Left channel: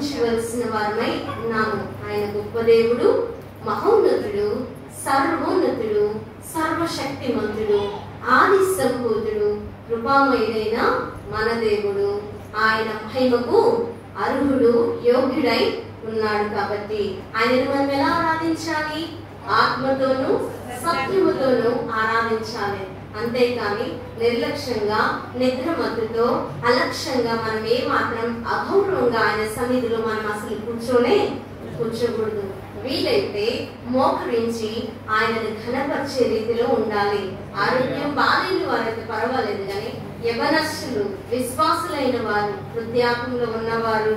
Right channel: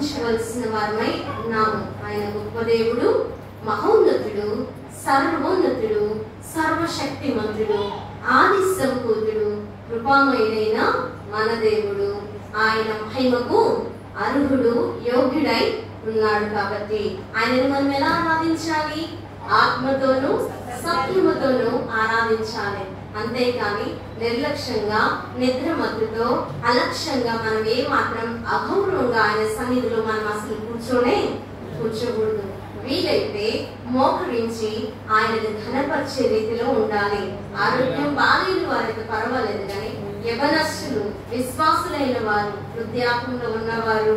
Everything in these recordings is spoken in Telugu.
గ్రహించవలసిన వారమై ఉన్నాము. ఆయన గొప్ప దేవుడు, మహోన్నతుడు, సర్వోన్నతుడు, సర్వశక్తిమంతుడు, ఆది సంపూర్ణుడు, కృపామయుడైన మన దేవుడు. ఆయన మహిమకు అర్హుడు, యోగ్యుడై ఉన్నాడు. కాబట్టి ఆయనను మనం ఎలా ఆరాధించాలి? ఆత్మతోనూ సత్యముతోనూ ఆరాధించాలి. అంతేకాని నిర్లక్ష్యంగా, నిద్రమత్తుతో, అలక్ష్యంగా మనం ఏ మాత్రం అగౌరవంగా ఆయన సన్నిధిలో మనం అసలు కూర్చోకూడదు. వీలైతే మోకరించి ఆయనను ఘనపరిచే రీతిలో ఉండాలి. ఆరోగ్యం బాలేని వారైతే పర్వాలేదు, కానీ యవనస్తులు, విశ్వాసులైన వారు, వృద్ధాప్యంలో ఉన్నవారు,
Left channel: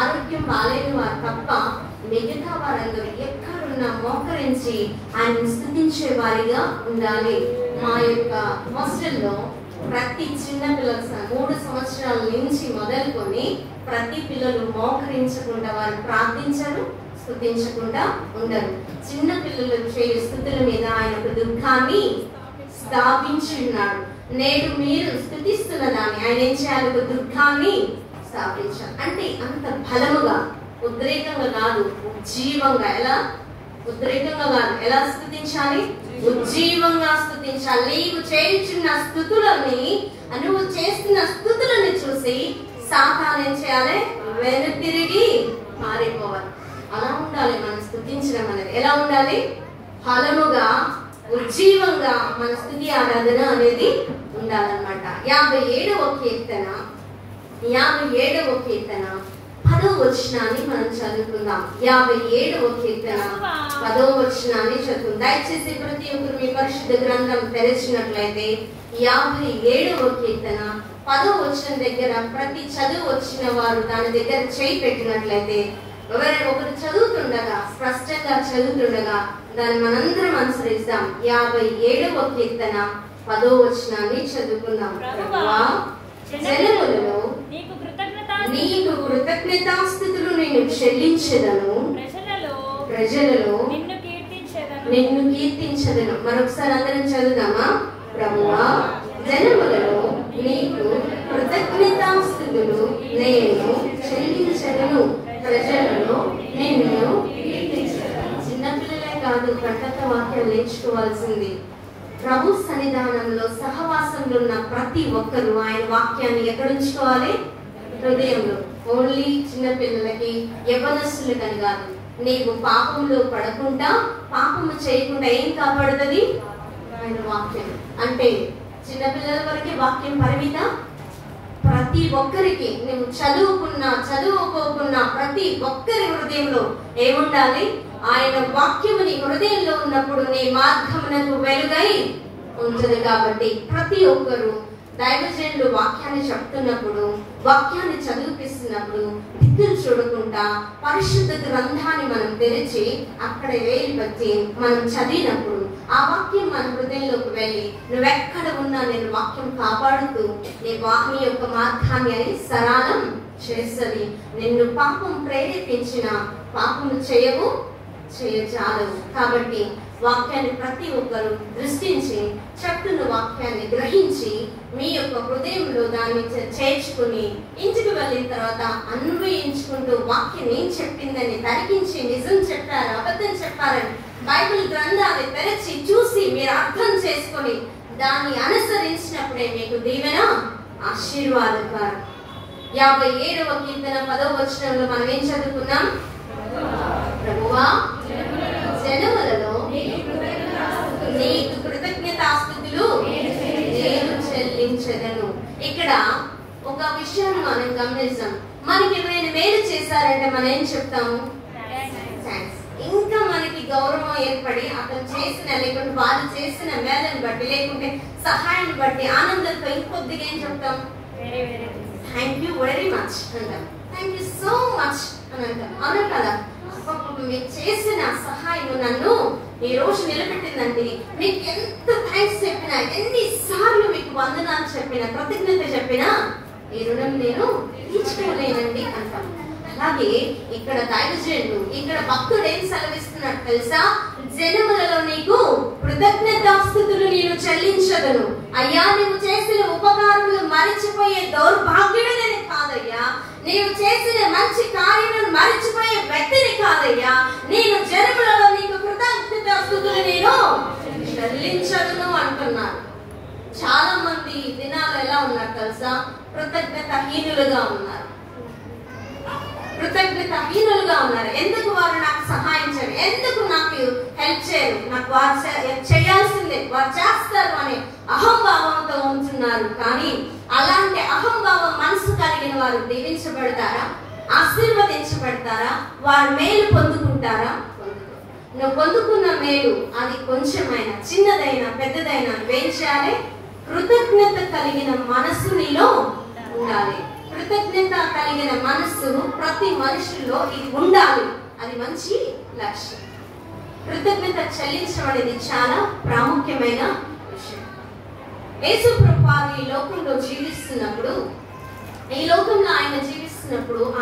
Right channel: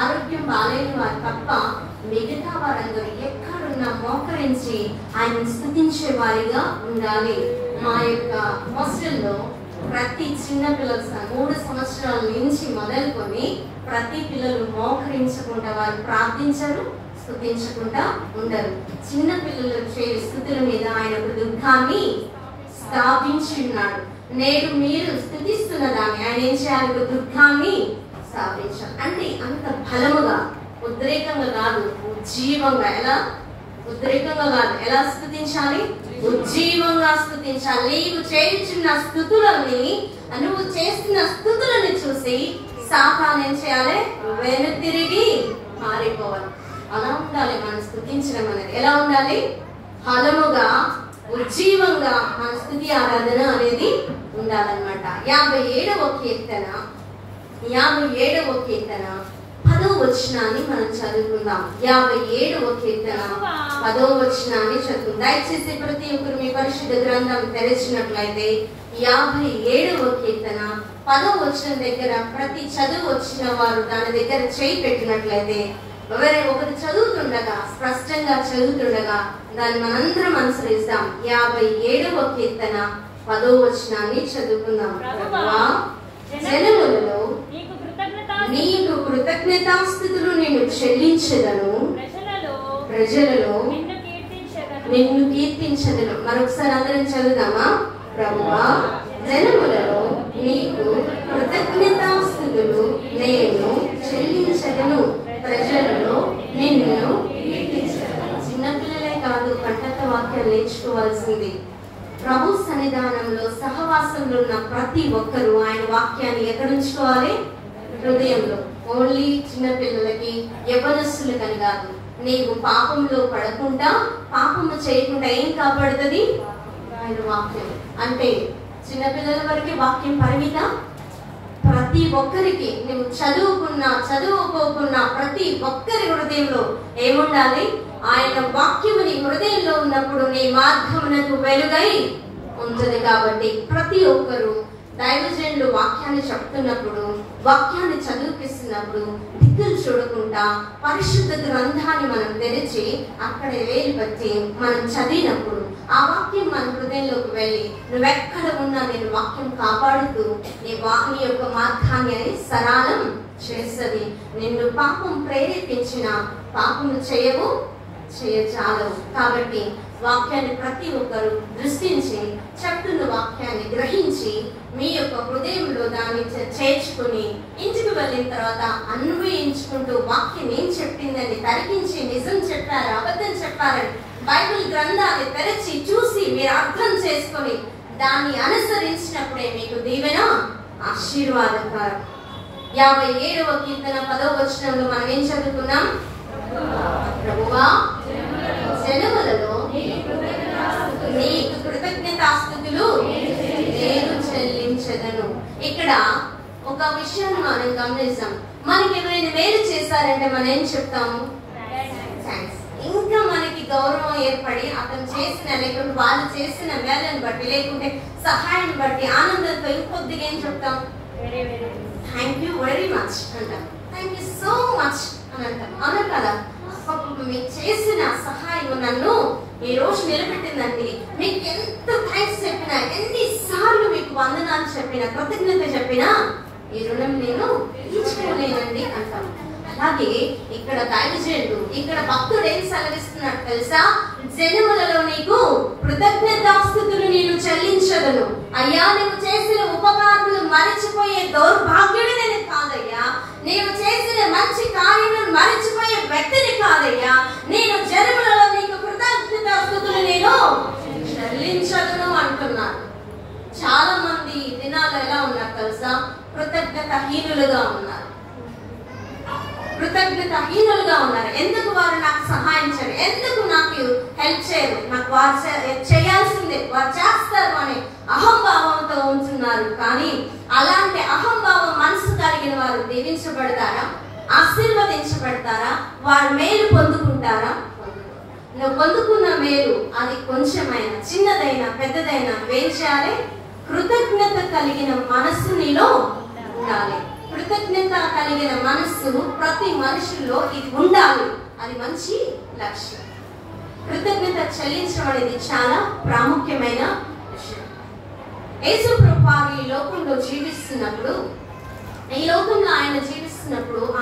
ఆరోగ్యం బాలేని వారు తప్ప మిగతా వారందరూ ఎక్కడున్నా మోకరించి ఆయన స్తుతించే వారిగా ఉండాలి. మా యొక్క హాస్టల్లో ప్రతి చిన్న పిల్లలు 3 సంవత్సరాల నుంచి మొదలుకొని ప్రతి పిల్లలు మోకరించకుండా వారు ప్రార్థించరు, స్తుతించకుండా ఉండరు. చిన్న పిల్లలు చేయు స్తుతుల మీద ఆయన ఒక దుఃఖాన్ని స్థాపించి ఉన్నాడు. నేడు మీరు స్తుతిస్తున్న దాన్ని ఆయన ఏం చేయాలి? ఒక దుఃఖాన్ని స్థాపించాలి. అంటే అంత బలముగా, ఉద్రేకంగా కాదు, ఉజ్జీవంగా. ఎలా? ఉద్రేకంగా కాదు, ఎలా స్తుతించాలి? ఉజ్జీవంగా స్తుతించాలి. నీవు చేయుచున్న స్తుతులని, నువ్వు చేస్తున్న స్తుతులని చూసి సాతాను ఏం చేయాలి? వెనుతిరిగి మారిపోవాలి. అలా ఉండాలి మనం స్తుతించడం అనేది. ఎలా ఉండాలి? బలముగా, ఉజ్జీవంగా మన స్తుతి ఆరాధన అనేది ఉండాలన్నమాట. 57వ కీర్తన 10వ వచనాన్ని మనం చదువుకుందాం. 57వ కీర్తన 10వ వచనాన్ని చదువుకుందాం. దయచేసి ప్రతి ఒక్కరు మీ పరిశుద్ధ గ్రంథం తెరిచినట్లయితే 57వ కీర్తన 10వ వచనం దగ్గర ప్రతి చదువు వచ్చిన వారు దాని దగ్గర చేయి పెట్టినట్లయితే, ఒకరు చదువుతుండగా, స్పష్టంగా చదువుతుండగా దాన్ని మనందరం అనుసరిస్తాం. 57వ కీర్తన 10వ వచనాన్ని చదువుకుందాం. ప్రభువా, జనములలో నీకు కృతజ్ఞతాస్తుతులు నేను చెల్లించెదను, ప్రజలలో నిన్ను కీర్తించెదను. మరొకసారి అందరం చదువుదామా? ప్రభువా, జనములలో నీకు కృతజ్ఞతాస్తుతులు నేను చెల్లించెదను, ప్రజలలో నిన్ను కీర్తించెదను. చిన్నపిల్లలే కాదు, కంటక వాక్యాలు నేర్చుకోవాల్సింది. ప్రభు సన్నిధానంలో సహవాసంలో ఉన్న ప్రతి ఒక్కరూ ఆయన వాక్యాన్ని ఎక్కడ ఉంచుకోవాలి? హృదయంలో. ఓన్లీ చిన్న పిల్లలకి, యవనస్తులకని కాదు. నీవు పాపంలో పడకుండా, పాపము చేయకుండా ఏం కాపాడుతుంది? ఆయన వాక్యం. అంటే చిన్నపిల్లల వరకే వాక్యం పరిమిత. ప్రతి ఒక్కరికి, నువ్వు చదువుకున్నా చదువుకోకున్నా ప్రతి ఒక్కరి హృదయంలో ఏముండాలి? ఆయన వాక్యము నీ హృదయంలో ఉన్నప్పుడు నీ మార్గమునకు వెలుగై ఉంటుంది. కాబట్టి ప్రతి ఒక్కరు దైవజనులు వాక్యాన్ని చెప్తున్నప్పుడు, వాక్యాన్ని చదివిపిస్తున్నప్పుడు దిక్కులు చూడకుండా పరిశుద్ధ గ్రంథాన్ని మనం తెరిచి అక్కడ వేలు పెట్టి మనం చదివినప్పుడు ఆ వాక్యం మన హృదయంలోకి వెళ్ళి నువ్వెక్కడ ఉన్నా నేను వాక్యం కాపాడుతూ నీ యొక్క మార్గాన్ని అని సరళం చేస్తుంది. నిన్ను పాపం ప్రేరేపించిన పాపము చేయచాలవు. కాబట్టి వాక్యాన్ని ప్రతి ఒక్కరు దృష్టించి చట్టును వాక్యాన్ని గ్రహించి మీ యొక్క హృదయంలో దాన్ని చేర్చుకుని ఇంటికి వెళ్ళిన తర్వాత అన్వయించుకుంటూ వాక్యం ఏం చెప్పిందని తరిగించి నిజం చెప్పారు, అబద్ధం చెప్పారని బైబిల్ గ్రంథాన్ని తెరచి చూసి మీరు అర్థం చేసుకొని దాన్ని అనుసరించినప్పుడే మీకు దీవెన, ఆశీర్వాదకరం. 57వ కీర్తన 10వ వచనంలో మనం ఏం చదువుకున్నాం? ప్రభువా, జనములలో నీకు కృతజ్ఞతాస్తుతులు నేను చెల్లించెదను. ఇక్కడ ఒక విషయాన్ని మనం గమనిస్తాం. మనకి ఎవరైనా మేలు చేశారంటే మనం ఏం చెప్తాము? థాంక్స్. ఇంకా మనకి గౌరవం ఏర్పడి అతను చేసిన, లేకుంటే వాళ్ళు చేసిన మేలను బట్టి, లేకుంటే సహాయాన్ని బట్టి ఆనందంతో ఇంకొద్దిగా ఏం చెప్తాం? థ్యాంక్ యూ వెరీ మచ్ అంటాం. థ్యాంక్ యూ సో మచ్ అని అంటాం. అవునా కదా? మీరు చేసిన సహాయం నన్ను ఈ రోజు నిలబెట్టిందండి. మీకు ఎంత థ్యాంక్స్ చెప్పినా, ఎన్నిసార్లు మీకు వందనాలు చెప్పినా, కృతజ్ఞత చెప్పినా ఈ రుణం నేను తీర్చుకోలేనండి అంటాం. అలాగే ఇక్కడ దైవజనుడు, ఇక్కడ భక్తుడు ఏం సెలవిస్తున్నాడు తెలుసా? జనములలో నీకు కృతజ్ఞతాస్తుతులు నేను చెల్లించగలను. అయ్యా, నీవు చేసిన ఉపకారములు మరిచిపోయే దౌర్భాగ్యుడి నేను కాదయ్యా. నీవు చేసిన మంచి కార్యములను మరిచిపోయే వ్యక్తిని కాదయ్యా. నేను జనములలో నీకు కృతజ్ఞతాస్తుతులు నేను చెల్లించగలను అంటున్నాను. చాలా మంది ఈ దినాలు ఎలా ఉన్నారు తెలుసా? కృతజ్ఞతాహీనులుగా ఉన్నారు. ఎందుకు వారు నాకు సహాయం చేయరు, ఎందుకు నాకు హెల్ప్ చేయరు, నాకు వారు చేయాల్సిందే, వారు చేస్తారు అనే అహంభావంతో ఉంటున్నారు. కానీ అలాంటి అహంభావం మనసు కలిగిన వారు దీవించబడతారా? ఆశీర్వదించబడతారా? వారు మేలు పొందుకుంటారా? నువ్వు పొందుకున్న మేలు అది కొంచెమైనా, చిన్నదైనా, పెద్దదైనా ఏం చేయాలి? కృతజ్ఞత కలిగిన మనస్సు నీలో ఉండాలి. కృతజ్ఞత కలిగిన మనస్సు ప్రతి మనుషుల్లో ఇది ఉండాలి. అది మంచి లక్ష్యం. కృతజ్ఞత చెల్లించడం అనేది చాలా ప్రాముఖ్యమైన విషయం. యేసు ప్రభువు ఈ లోకంలో జీవిస్తున్నప్పుడు,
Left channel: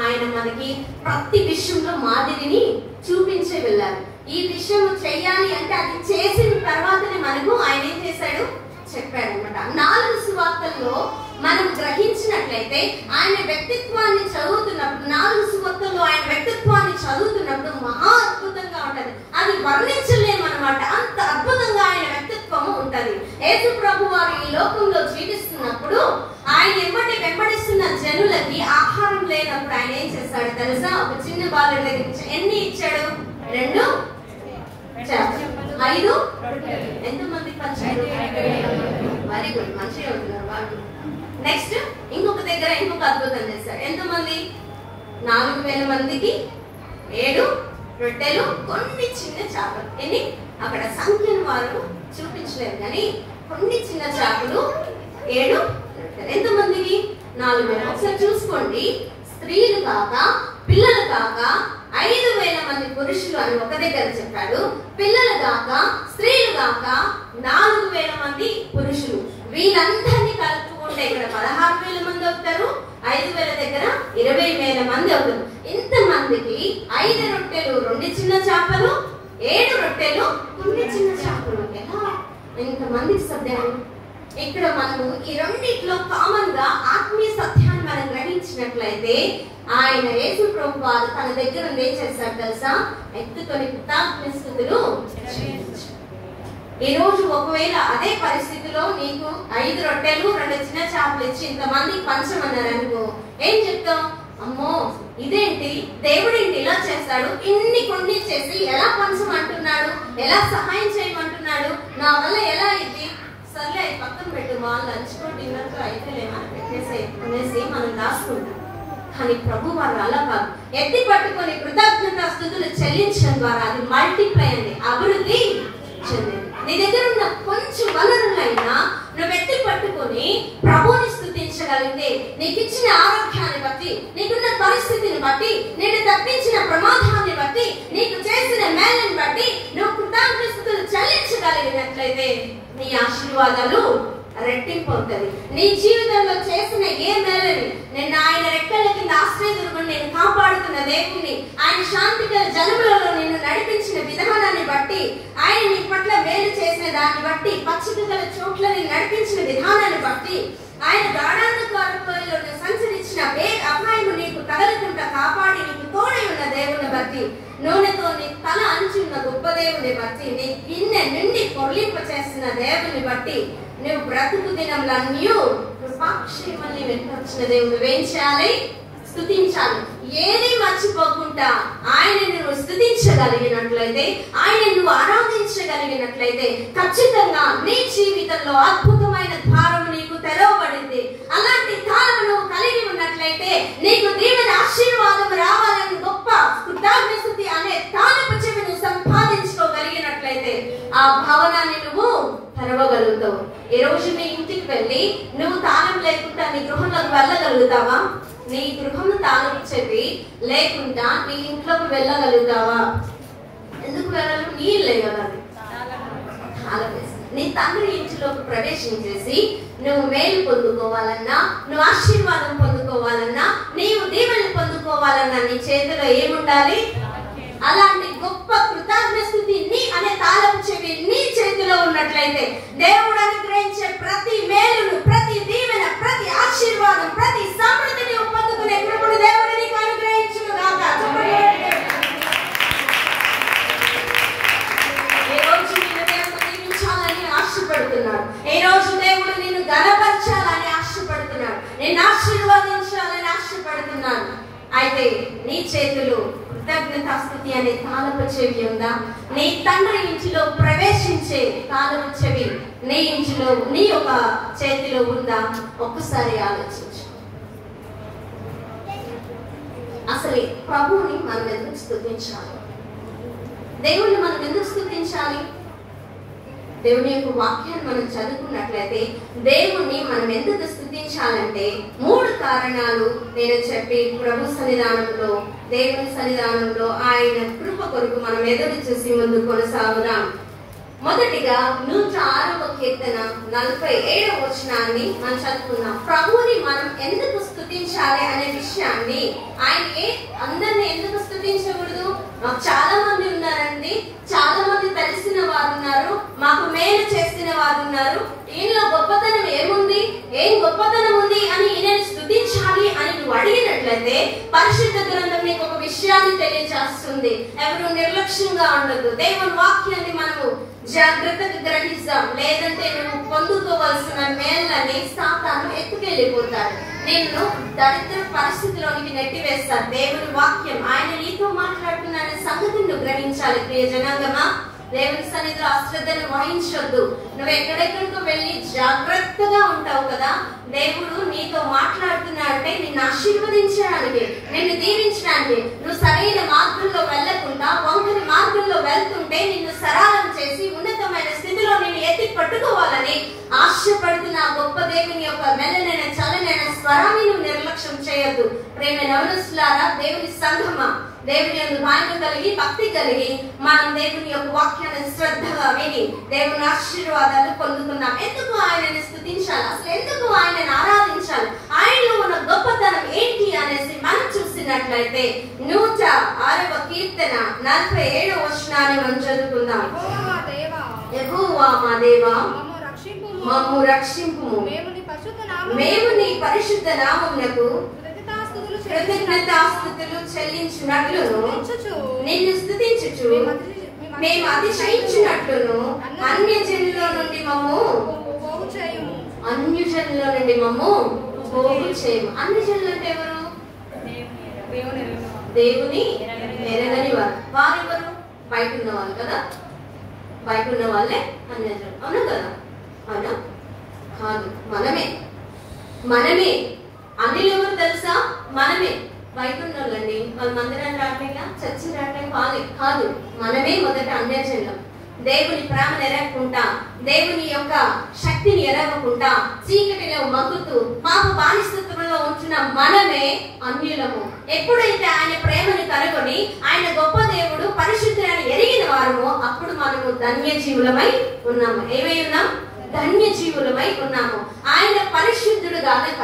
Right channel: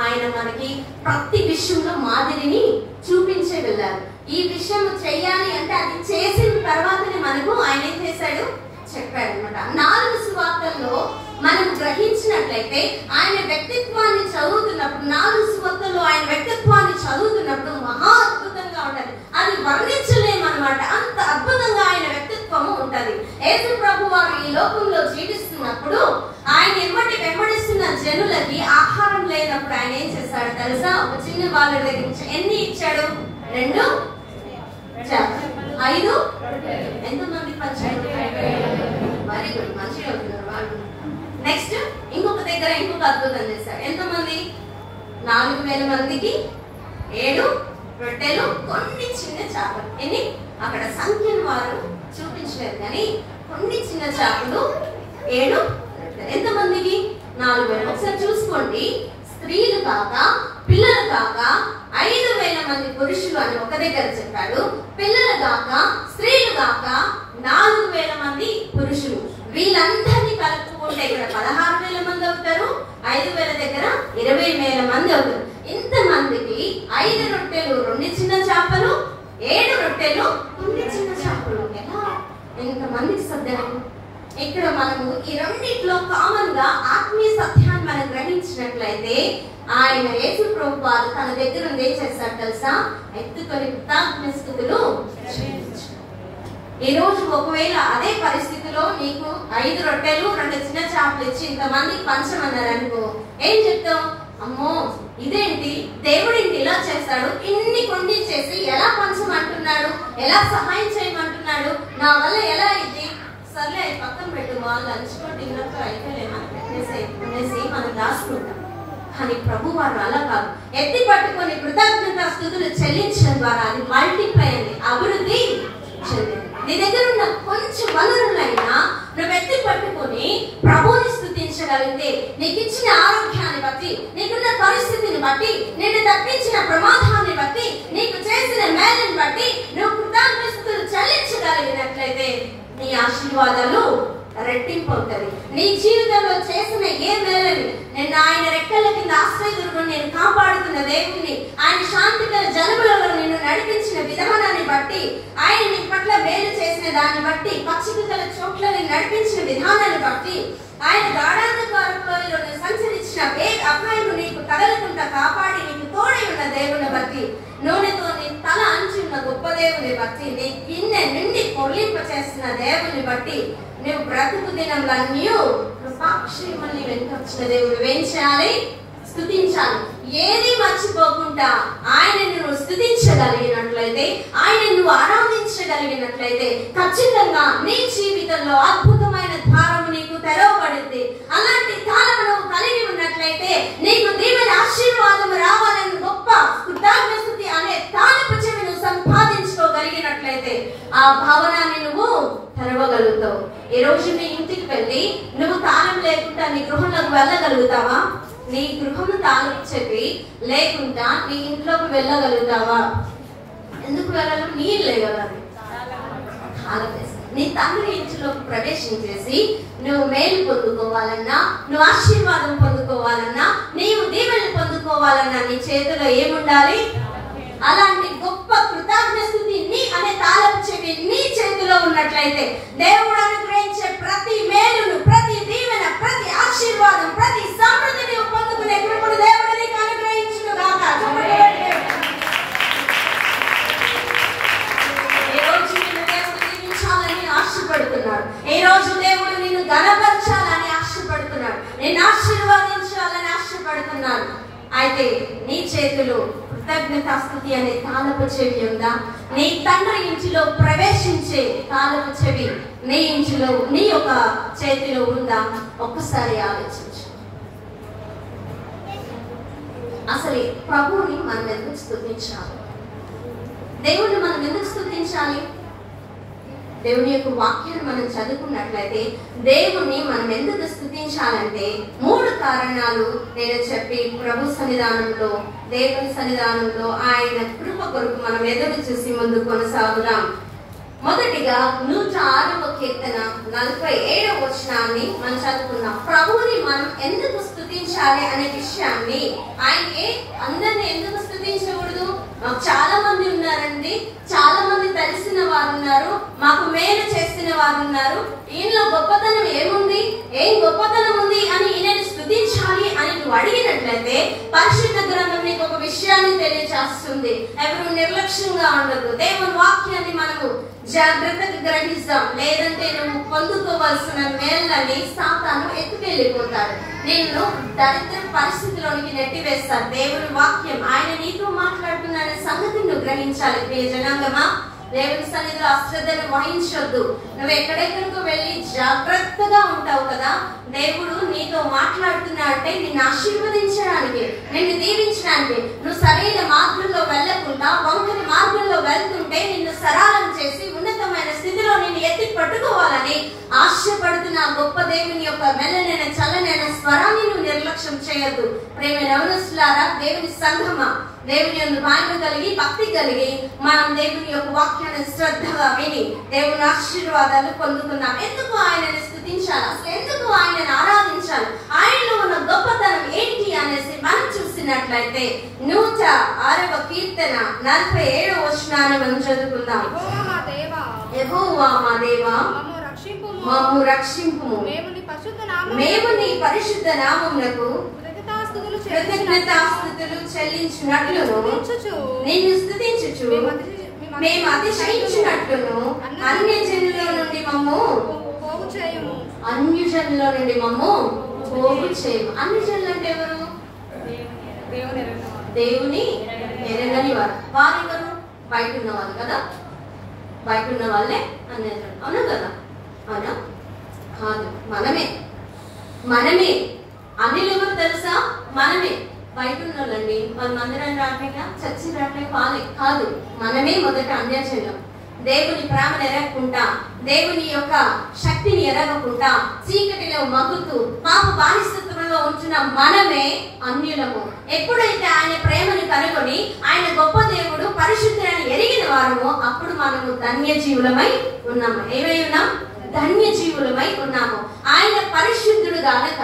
ఆయన మనకి ప్రతి విషయంలో మాదిరిని చూపించే వెళ్ళారు. ఈ విషయం చేయాలి అంటే అది చేసిన తర్వాతనే మనకు ఆయన ఏం చేశాడు చెప్పాడు అనమాట. 4 సువార్తల్లో మనం గ్రహించినట్లయితే ఆయన వ్యక్తిత్వాన్ని చదువుతున్నప్పుడు, 4 సువార్తల్లో ఆయన వ్యక్తిత్వాన్ని చదువుతున్నప్పుడు మహా అద్భుతంగా ఉంటది. అది వర్ణించలేమన్నమాట. అంత అద్భుతంగా ఆయన వ్యక్తిత్వము ఉంటది. యేసు ప్రభు వారు ఈ లోకంలో జీవిస్తున్నప్పుడు ఆయన వెంబడిస్తున్న జనులకి ఆహారం లేనప్పుడు ఆయన ఏం చేశాడు తెలుసా? ఒక చిన్న బాలుడి దగ్గర నుంచి ఎన్ని ఇచ్చాడు? 2 చేపలు, 5 ఎంతమంది పంచారు? వెరీ గుడ్, మంచిగా ఉంటున్నారు వాళ్ళు. నెక్స్ట్ ఇంకొక దగ్గర ఇంకొక అద్భుతం చేశాడు. ఎంతమంది? 4000 మందికి 7 రొట్టెలు, కొన్ని చిన్న చేపలు. ఎన్ని? అక్కడ సంఖ్యను వారు చూపించలేదు, కానీ కొన్ని చిన్న చేపలు, 7 రొట్టెలు. ఎంతమందికి? 4000. ఒకసారి చూసుకోండి. స్త్రీలు కాక, పిల్లలు కాక 5000 మంది పురుషులు అని ఒక దగ్గర చెప్పాడు. పిల్లలు కాక, స్త్రీలు కాక 4000 మంది పురుషులు. వీళ్ళందరినీ కలుపుకుంటే ఇక్కడ 16,000 మంది అవుతారు. 5,000 దగ్గర 20,000 మంది అవుతారు. ఇంతమందికి 5 రొట్టెలు, 2 చిన్న చేపలు, 7 రొట్టెలు, 2 చిన్న చేపలు. ఎలా ఇంతమందికి సత్యం? ఇక్కడ మనము ఈ రెండిట్లో కామన్ గా ఆత్మీయ సత్యాన్ని మనం గ్రహించినట్లయితే ఆయన యేసు ప్రభు వారు తన దగ్గర ఏం చేశాడు తెలుసా? ఎత్తుకొని కృతజ్ఞతాస్తుతులు. ఈ రోజు ఒకవేళ అదే పరిస్థితిలో నీకు 5 రొట్టెలు 2 చిన్న చేపలు ఇచ్చి ఇంతమందికి పంచమన్నారు అనుకో, ఏం చెప్తావు? అమ్మో ఇదేంటి, దేవుడేంటి ఇలా చేస్తాడు, ఇన్ని కొన్ని చేసి ఎలా పంచమంటున్నాడు, ఎలా సహాయం చేయమంటున్నాడు, నా వల్ల ఎలా ఇది, సర్లే పక్కన పెట్టు, వాళ్ళు లంచ్లో డిన్నర్తో అయితే మనం పెట్టేసి మనం దాచుకుంటాం. కానీ ప్రభు వారు అలా కాదు. ఎత్తి పట్టుకొని కృతజ్ఞతాస్తుతులు చెల్లించడం ద్వారా అది మల్టిప్లై అయింది, అభివృద్ధి చెందింది. నీ దగ్గర ఉన్న కొంచెం వనరులైనా నువ్వు ఎత్తి పట్టుకొని ప్రభువుని స్తుతించగలిగితే, నీకు ఇచ్చిన ఆరోగ్యాన్ని బట్టి, నీకున్న పరిస్థితిని బట్టి, నేను తప్పించిన ప్రమాదాన్ని బట్టి, నీకు చేసిన మేలుని బట్టి నువ్వు కృతజ్ఞతలు చెల్లించగలిగినట్లయితే నీ ఆశీర్వాదాలు రెట్టింపు అవుతుంది. నీ జీవితంలో చేసిన ఏ మేలని, నేను ఆయన రెక్కల కింద ఆశ్రయదుర్గం నేను కాపాడుతున్న దేవుణ్ణి, ఆయన శాంతికర జలములలో నేను నడిపించిన విధానాన్ని బట్టి, ఆయన నీ పట్ల మేలు చేసిన దాన్ని బట్టి, పక్షికల చోట్లని నడిపించిన విధానాన్ని బట్టి, ఆయన గాఢాంధకారంలో సంచరించిన అపాయం నీకు తగలకుండా కాపాడి నీకు తోడై ఉన్న దేవుని బట్టి, నూనెతో నీ తల అంచున్న గొప్ప దేవుని బట్టి, నీ గిన్నె నిండి పొర్లింప చేసిన దేవుని బట్టి, నువ్వు బ్రతుకు దినంలో కృపాక్షేమల్ని వెంట వచ్చిన దేవుడు ఏం చేయాలి? స్తుతించాలి. ఏది మర్చిపోకుండా ఆయన నువ్వు స్తుతించగలిగినట్లయితే, ఆయన నువ్వు ఆరాధించగలిగినట్లయితే ఖచ్చితంగా నీ జీవితంలో అద్భుతమైన ద్వారం నీకు తెరవబడింది. అలాంటి తాళం నువ్వు కలిగి ఉన్నట్లయితే నీకు దీవెన ఆశీర్వాదం రావాలని గొప్ప కృతజ్ఞత అనే తాళపు చెవి నువ్వు సంపాదించుకోగలిగినట్లయితే ఆ భవనాన్ని నువ్వు తెరవగలుగుతావు. ఈ రోజు నీ ఇంటికి వెళ్ళి నువ్వు తాళం లేకుండా నీ గృహంలోకి వెళ్ళగలుగుతావా? నీ గృహం తాళం చెప్పి లేకుండా నీ ఇంట్లోకి వెళ్ళగలుగుతావా? ఎందుకు వెళ్ళడం? నీ ఇల్లే కదా. నీ తండ్రి ఇంటిలోకి ప్రవేశించేసి నువ్వు మేలు పొందుకోవాలన్నా, నువ్వు ఆశీర్వాదం పొందుకోవాలన్నా, నీవు దీవెనలు పొందుకోవాలన్నా నీ చేతిలో ఏముండాలి? అలాంటి గొప్ప కృతజ్ఞ స్థుతి నీ అనే తాళపు చెవి నీ చేతిలో ఉన్నట్లయితే దేవుడు అనుగ్రహించే ప్రతి మేలును, ప్రతి దీవెన, ప్రతి ఆశీర్వాదం, ప్రతి సమృద్ధిని పొందుకునే కృపను దేవుడు నీకు అనుగ్రహించును గాక. ఈ రోజు నిన్ను దేవుడు దీవించాలని ఆశపడుతున్నాడు. ఈ రోజు దేవుడు నిన్ను ఘనపరచాలని ఆశపడుతున్నాడు. నిన్ను ఆశీర్వాదించాలని ఆశపడుతున్నాడు. అయితే నీ చేతిలో కృతజ్ఞతాస్తుతి అనే తాళపు చెవి ఉందా? నీ తండ్రి ఇంటిలో ప్రవేశించే తాళపు చెవి నీ ఇంటిలో, నీ యొక్క చేతిలో ఉందా? ఒక్కసారి ఆలోచించు. అసలు ప్రభువుని మనం ఎందుకు స్తుతించాలి? దేవుణ్ణి మనం ఎందుకు స్తుతించాలి? దేవుని యొక్క వాక్యాన్ని మనం చదువుకున్నట్లయితే దేవుణ్ణి మనం ఎందుకు స్తుతించాలంటే 3 కారణాలు నేను చెప్పి ప్రభు సన్నిధానంలో, దేవుని సన్నిధానంలో ఆయన కృప కొరకు మనం ఎదురు చూసి ముందు కొనసాగుదాం. మొదటిగా 106వ కీర్తన 47వ వచనాన్ని మనం చదువుకున్నాం. ప్రభువుని మనం ఎందుకు స్తుతించాలి అనే విషయాన్ని, ఆయనకి అందరిని ఎందుకు స్తుతించకూడదు? చాలా మంది ఉన్నారండి, చాలా మంది తెలిసిన వారు ఉన్నారు, మాకు మేలు చేసిన వారు ఉన్నారు, ఈయనలో గొప్పతనం ఏముంది, ఏం గొప్పతనం ఉంది అని ఈయనని స్తుతించాలి అని నువ్వు అడిగినట్లయితే పరిశుద్ధ గ్రంథం నీకు ఒక విషయాన్ని తెలియజేస్తుంది. ఎవరు నిర్లక్ష్యంగా ఉండదు. దేవుని వాక్యాన్ని మనము జాగ్రత్తగా గ్రహిస్తాం. లేదంటే నువ్వు పొందుకోవాల్సిన మేళ్ళని సాతాను ఎత్తుకెళ్ళిపోతాడు. నిన్ను దరిద్ర పరిస్థితిలోనికి నెట్టివేస్తాడు. దేవుని వాక్యం ఆయన నీతో మాట్లాడుతున్న సంగతిని నువ్వు గ్రహించాలి. ప్రియ జనాంగమా, దేవుని సన్నిధిలో అశ్రద్ధను వహించొద్దు. నువ్వు ఎక్కడెక్కడికో వెళ్ళి జాగ్రత్తగా ఉంటావు కదా. దేవుడు నీతో మాట్లాడుతున్నాడంటే నిన్ను ఆశీర్వదించడానికి, నిన్ను దీవించడానికి. నువ్వు సరైన మార్గంలో వెళ్లకుండా వంకరి మార్గంలో వెళ్తుంటే నిన్ను సరళం చేసి ఉన్నతమైన స్థితిలో నిన్ను ఎత్తి పట్టుకోవాలని ఆశపడుతున్న గొప్ప దేవుని యొక్క మెల్లనైన చల్లనైన స్వరాన్ని నువ్వు నిర్లక్ష్యం చేయొద్దు. ప్రేమ నవనస్తులారా, దేవుని సంఘమా, దేవుని యందు భయం కలిగి భక్తి కలిగి మనం దేవుని యొక్క వాక్యాన్ని శ్రద్ధగా విని దేవుని ఆశీర్వాదాలు పొందుకున్నాం. ఎందుకు ఆయనని స్తుతించాలి? అసలు ఎందుకు ఆయనని ఆరాధించాలి? ఆయనలో ఉన్న గొప్పతనం ఏంటి అనేసి మనం చూసినట్లయితే 106వ కీర్తన 47వ వచనాన్ని మనం చదువుకుందాం. యెహోవా మా దేవా, మమ్ము రక్షింపుము. మేము నీ పరిశుద్ధ నామమునకు కృతజ్ఞతాస్తుతులు చెల్లించినట్లును నిన్ను స్తుతించుచు మేము అతిశయించినట్లును అన్యజనుల నుండి మమ్ము పోగు చేయము. అన్యజనులు అంటే ఎవరు? దేవుని ఎరగని వారు. వారెవరు? బయట ఉన్న వాళ్ళు కదా. బయట ఉన్న వాళ్ళే అన్యజనులు. అవునా కదా? అవునా? కాదు, మనమే అన్యులు ఎవరు తెలుసా? మనమే. బయట ఉన్న వాళ్ళండి, వాళ్ళ మందిరం రావట్లేక, చర్చి రావట్లేక కాదు, మనమే మొదట అన్యజనులం. దేవుని ప్రేమను ఎరగకుండా, దేవుని యొక్క శక్తిని ఎరగకుండా చీకటిలో మగ్గుతూ పాప బానిసత్వంలో ఉంటున్న మనమే అన్యులము. ఎప్పుడైతే ఆయన ప్రేమను కనుగొని ఆయన గొప్ప దేవుడు పరిశుద్ధులని ఎరిగిన వారమో అప్పుడు మనము ధన్యజీవులమై ఉన్నాము. ఏమై ఉన్నాం? ధన్యజీవులమై ఉన్నాము. ఆయన పరిశుద్ధుడు గనుక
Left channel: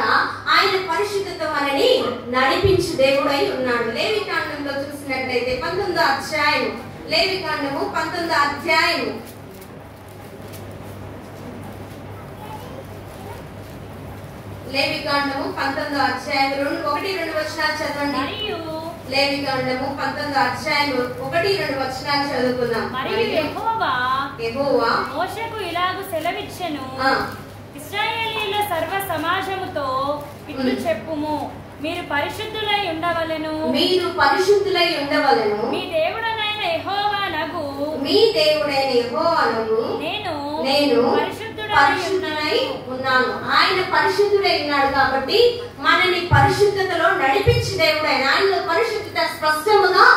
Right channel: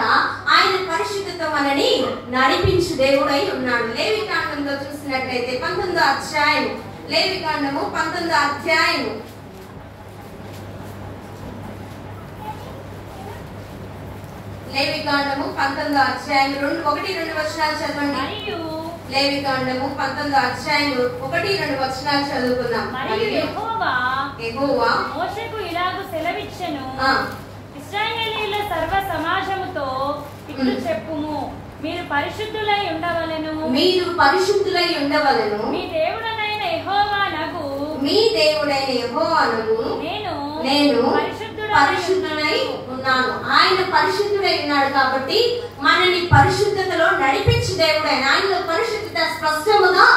ఆయన పరిశుద్ధతో మనని నడిపించు దేవుడై ఉన్నాడు. లేవికాండంలో చూసినట్లయితే 19వ అధ్యాయం, లేవికాండము 19వ అధ్యాయం లేవికాండము 19వ అధ్యాయం 1-2 వచనాలు చదవండి. లేవికాండము 19వ అధ్యాయం 1-2 వచనాలు చదువుకుందాం. యెహోవా మోషేకు ఇలాగు సెలవిచ్చెను, ఇశ్రాయేలీయుల సర్వ సమాజముతో ఇట్లు చెప్పుము, మీరు పరిశుద్ధులై ఉండవలెను. మీ దేవుడైన యెహోవానగు నేను పరిశుద్ధుడై ఉన్నాను. ఆయన పరిశుద్ధుడై ఉన్నాడు కాబట్టి మనని పరిశుద్ధతలో నడిపించే దేవుడైన ఆయనలో పరిశుద్ధత స్పష్టముగా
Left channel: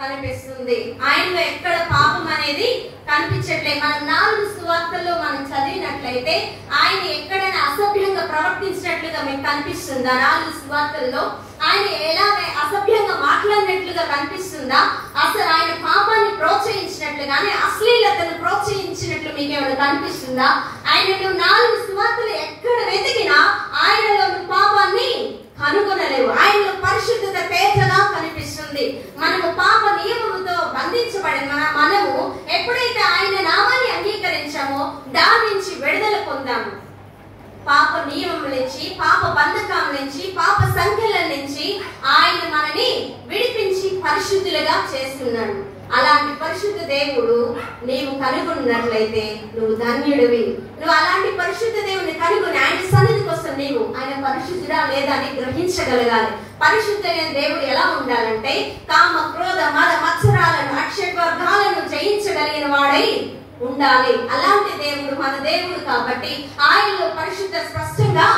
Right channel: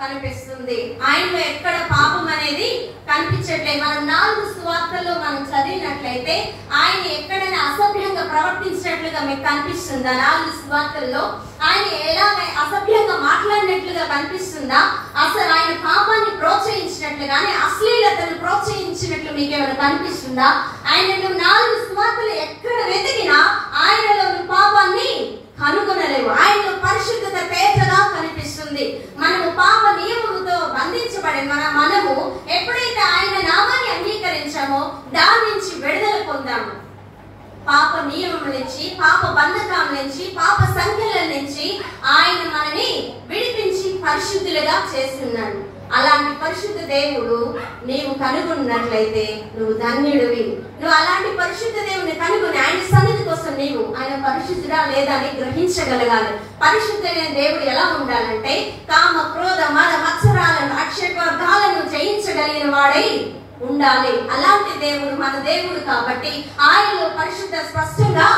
కనిపిస్తుంది. ఆయనలో ఎక్కడ పాపం అనేది కనిపించట్లేదు. మనం 4 సువార్తల్లో మనం చదివినట్లయితే ఆయన ఎక్కడైనా అసభ్యంగా ప్రవర్తించినట్లుగా మీకు కనిపిస్తుందా? 4 సువార్తల్లో ఆయన ఎలాగ అసభ్యంగా మాట్లాడినట్లుగా కనిపిస్తుందా? అసలు ఆయన పాపాన్ని ప్రోత్సహించినట్లుగానే అశ్లీలతను ప్రోత్సహించినట్లు మీకు ఏమైనా కనిపిస్తుందా? ఆయనలో 4 సువార్తలు ఎక్కడ వెతికినా ఆయనలో పాపాన్ని కనుగొనలేవు. ఆయనలో పరిశుద్ధత తేజగా కనిపిస్తుంది. మనము పాప నియమముతో బంధించబడిన మనము ఎప్పుడైతే పాప నియమం నుంచి, పాప బంధకం నుంచి, పాప సంఖ్యల నుంచి ఆయన మనని విడిపించి పరిశుద్ధులుగా చేస్తున్నాడు. అలాంటి పరిశుద్ధ దేవుడు నీవు కనుగొన్నట్లయితే నువ్వు ధన్యుడివి. నువ్వు అలాంటి పరిశుద్ధ దేవుడిని కనుగొని ఆయన సన్నిధికి వస్తే నీవు ఆయన పరిశుద్ధుడా లేదా అని గ్రహించగలగాలి. పరిశుద్ధమైన దేవుడు ఎలా ఉండాలంటే కామ క్రోధ మద మత్సరాలను అక్షయవర్గాలను జయించగలిగిన వాడై ఉండాలి. అలాంటి దేవుడు మన దేవుడు కాబట్టి ఆయనలో పరిశుద్ధ స్పష్టంగా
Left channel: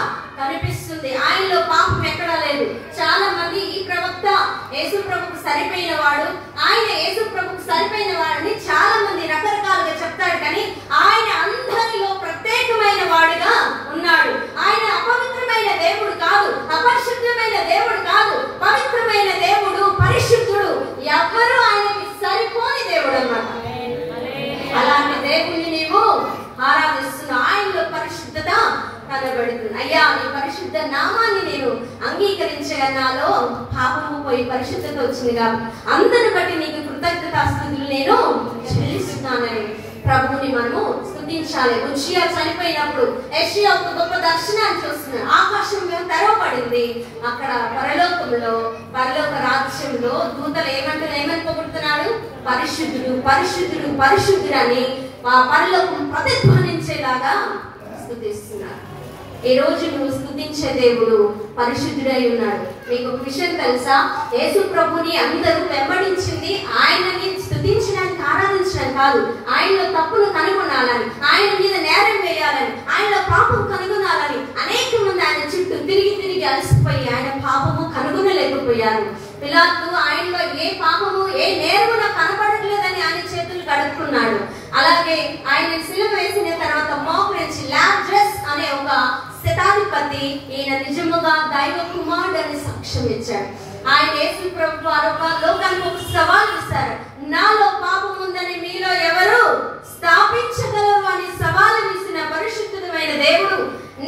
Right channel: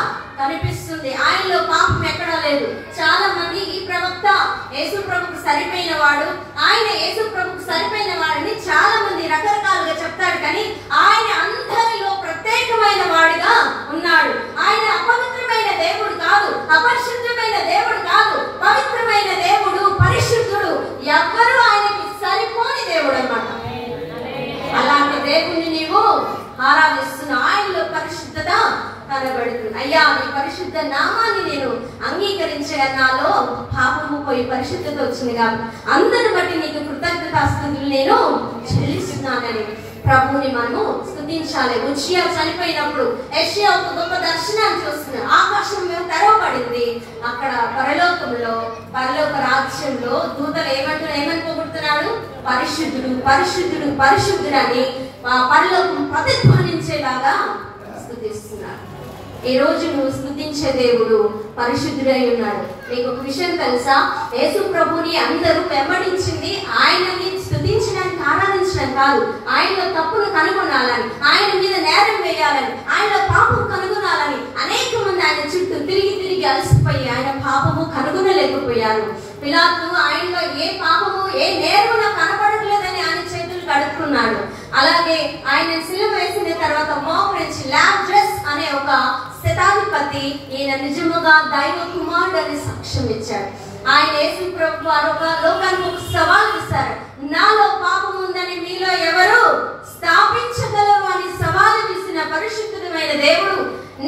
కనిపిస్తుంది. ఆయనలో పాపం ఎక్కడా లేదు. చాలా మంది ఈ ప్రవక్త యేసు ప్రభుకు సరిపోయిన వాడు, ఆయన యేసు ప్రభుకు సరిపోయిన వాడని చాలా మంది రకరకాలుగా చెప్తాడు. కానీ ఆయన అందరిలో ప్రత్యేకమైన వాడిగా ఉన్నాడు. ఆయన అపవిత్రమైన దేవుడు కాదు, అపరిశుద్ధమైన దేవుడు కాదు, పవిత్రమైన దేవుడు, పరిశుద్ధుడు. ఎవ్వరూ ఆయనకి సరిపోని దేవుడు అన్నమాట. అలాంటి దేవుని నీవు ఆరాధిస్తున్నా. ఆయనలో పరిశుద్ధత కనబడుతుంది. అయ్యా నీ పరిశుద్ధ నామాన్ని నేను అంగీకరించగా నాలో పాపము పోయి పరిశుద్ధత వచ్చింది కాబట్టి అందరిని బట్టి నీకు కృతజ్ఞతాస్తుతులు నేను చెల్లిస్తున్నానని ప్రభుని మనము స్తుతించాలి. ఉజ్జియా చనిపోయినప్పుడు యెషయా ఒక గొప్ప దర్శనాన్ని చూస్తున్నాడు. ఆకాశం తెరవబడింది. అక్కడ పరలోక రాజ్యంలో దూతలు ఏమని పొగుడుతున్నాడు? పరిశుద్ధుడు పరిశుద్ధుడు పరిశుద్ధుడు అని ఆ పరలోకం ప్రతిధ్వనించేలాగా స్తుతిస్తున్నారు. ఈ రోజు నువ్వు స్తుతించే దేవుడు పరిశుద్ధుడై ఉన్నాడు. మీకు ఒక విషయం తెలుసా? యేసు ప్రభుని అందరూ వెంబడించింది ఆయనని స్తుతించడానికి, ఆరాధించడానికి కాదు. ఆయనలో తప్పును కనుగొనాలని, ఆయన మీద నేరం వేయాలని, ఆయనలో పాపం కనుగొనాలని అనేక మంది ఆయన చుట్టూ తిరిగి అలసిపోయి ఆయన పాపము కనుగొనలేకపోయారు. పిలాతు ఆయనలో ఏ పాపము ఏ నేరము కనపడట్లేదని ఆయన చేతులు కడుక్కున్నాడు. అలాగే ఆయన సిలువ వేసిన తర్వాత మోకరించి లాజరస్ అనే ఒక శతాధిపతి ఈయన నిజముగా దైవ కుమారుడు అని సాక్ష్యం ఇచ్చాడు. ఆయన యేసు ప్రభు వారు లోకానికి ఒక సవాల్ ఇస్తారు. నాలో పాపం ఉందని మీలో ఎవరు స్థాపించగలరు అని సవాలు విసిన పరిశుద్ధమైన దేవుడు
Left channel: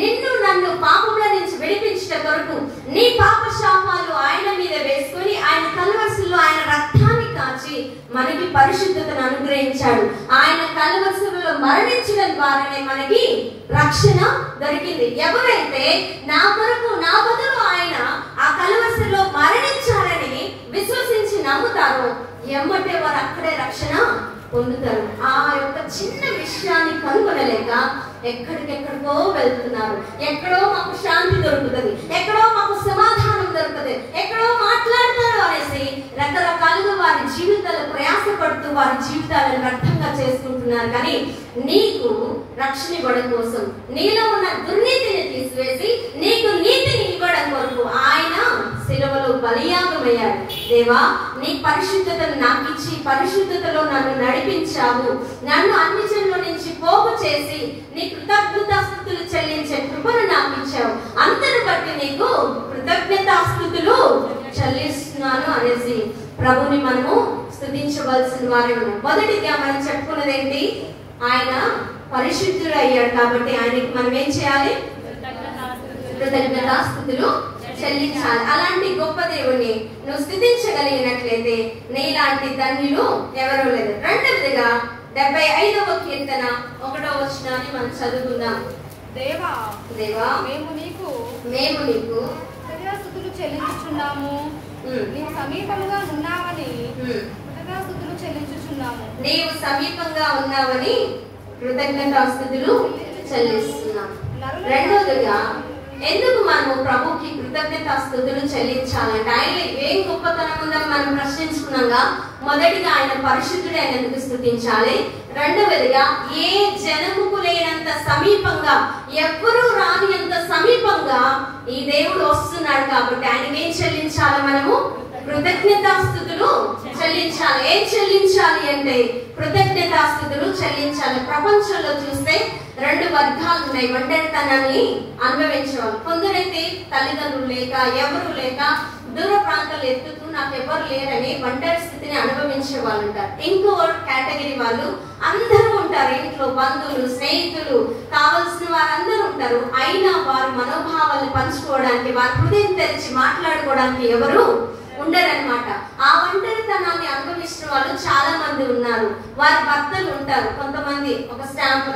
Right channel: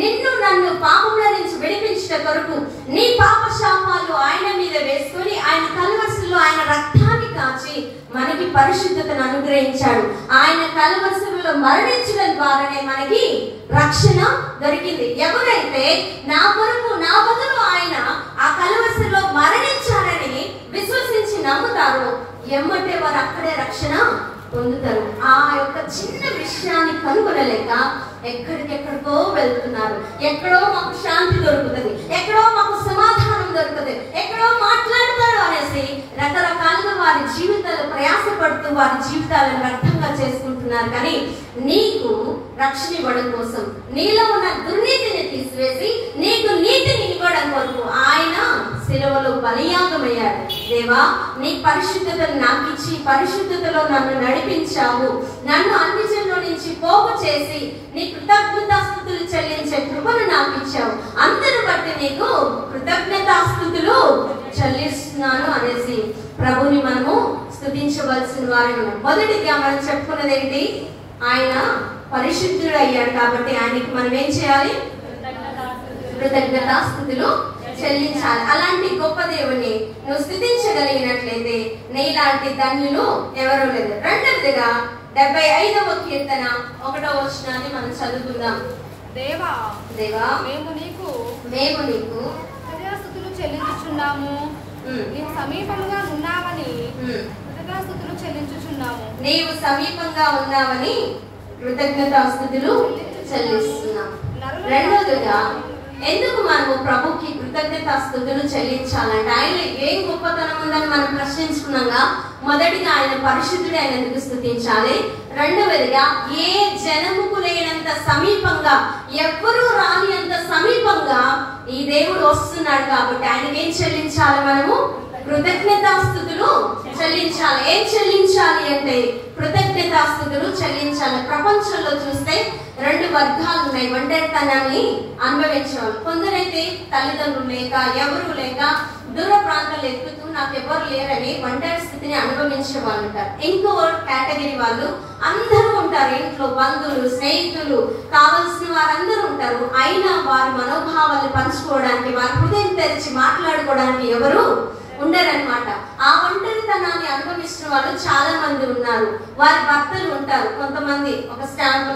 నిన్ను నన్ను పాపముల నుంచి విడిపించట కొరకు నీ పాప శాపాలు ఆయన మీద వేసుకుని ఆయన కల్వసులో ఆయన రక్తాన్ని కాచి మనకి పరిశుద్ధతను అనుగ్రహించాడు. ఆయన కల్వసులో మరణించడం ద్వారానే మనకి రక్షణ దొరికింది. ఎవరైతే నా కొరకు నా బదులు ఆయన ఆ కల్వసులో మరణించారని విశ్వసించి నమ్ముతారో ఎమ్మటే వారు అక్కడే రక్షణ పొందుతారు. ఆ యొక్క చిన్న విషయాన్ని కనుగొనలేక ఎక్కడికెక్కడికో వెళ్తున్నారు. ఎక్కడో మాకు శాంతి దొరుకుతుంది, ఎక్కడో మాకు సమాధానం దొరుకుతుంది, ఎక్కడో మాట్లాడతారు అనేసి రకరకాలుగా వారి జీవితాలు ప్రయాసపడుతూ వారి జీవితాలను వ్యర్థంగా చేసుకుంటున్నారు. కానీ నీకు రక్షణ ఇవ్వడం కోసం, నీలో ఉన్న దుర్నీతిని తీసివేసి నీకు నీతిని ఇవ్వడం కొరకు ఆయన శిలువలో బలియాగమయ్యాడు. దేవా నీ పరిశుద్ధతను నాకు ఇచ్చి పరిశుద్ధతలో నన్ను నడిపించావు. నన్ను అన్ని జనుల నుంచి పోగు చేసి నీ కృతజ్ఞతాస్తుతులు చెల్లించే కృపను నాకు ఇచ్చావు. అందరిని బట్టి నీకు కృతజ్ఞతాస్తుతులు చెల్లిస్తున్నాను అనేసి ప్రభుని మనము స్తుతించవలసిన వారే ఉన్నాం. మొదటిగా మనం చెప్పుకున్నది ఏంటి? ఆయన పరిశుద్ధుడు అయ్యాడు కాబట్టి ఆయనకి మనం ఏం చేయాలి? కృతజ్ఞతాస్తుతులు చెల్లించాలి. అలాంటి గొప్ప దేవుణ్ణి నువ్వు స్తుతించగలిగినట్లయితే నీలాంటి ధన్యులు ఎవరూ లేదు. రెండవదిగా 75వ కీర్తన 1వ వచనాన్ని మనం చదువుకుందాం. దేవా దేవా మేము నీకు కృతజ్ఞతాస్తుతులు చెల్లించుచున్నాము. నీవు సమీపంగా ఉన్నావని కృతజ్ఞతాస్తుతులు చెల్లించుచున్నాము. నీవు సమీపంగా ఉన్నావని కృతజ్ఞతాస్తుతులు చెల్లిస్తున్నాం. రెండవదిగా ఎందుకు మనము ప్రభుకి కృతజ్ఞతాస్తుతులు చెల్లించాలంటే ఆయన ఏం గొప్పతనం ఉందని మనం ప్రశ్నించుకున్నాగా మొదటిగా ఆయన పరిశుద్ధుడు ఆయన ఎందుకు స్తుతించాలి? రెండవదిగా ఏ జనముకు లేనంత సమీపంగా, ఎవ్వరూ రాని అంత సమీపంగా ఈ దేవుడు వస్తున్నాడు కాబట్టి ఆయన ఏం చెల్లించాలి? మనము కృతజ్ఞతాస్తుతులు చెల్లించాలి. ఏం చెల్లించాలి అంటే కృతజ్ఞతాస్తుతులు చెల్లించాలి. ప్రపంచంలో చూస్తే 2 వర్గాలు ఉన్నాయి ఒంటరితనాన్ని అనుభవించేవాళ్ళు. కొందరైతే తల్లిదండ్రులు లేక ఎవరు లేక దూర ప్రాంతాలు ఎత్తుతూ నాకు ఎవరు లేరని ఒంటరి స్థితిని అనుభవించే వాళ్ళు ఉంటారు. ఇంకో కేటగిరీ వాళ్ళు అందరూ ఉంటారు. ఇంట్లో బంధువులు, స్నేహితులు, కావలసిన వారందరూ ఉంటారు. అయినా వారి మనోభావాలు పంచుకోవడానికి, వారి హృదయం తెరిచి మాట్లాడుకోవడానికి ఎవరు ఉండరన్నమాట. ఆ ఒంటరితనాన్ని అనుభవిస్తున్న వాళ్ళు చాలా మంది ఉన్నారు. వారి భర్తలు ఉంటారు. కొంతమంది ఒక స్టాంపు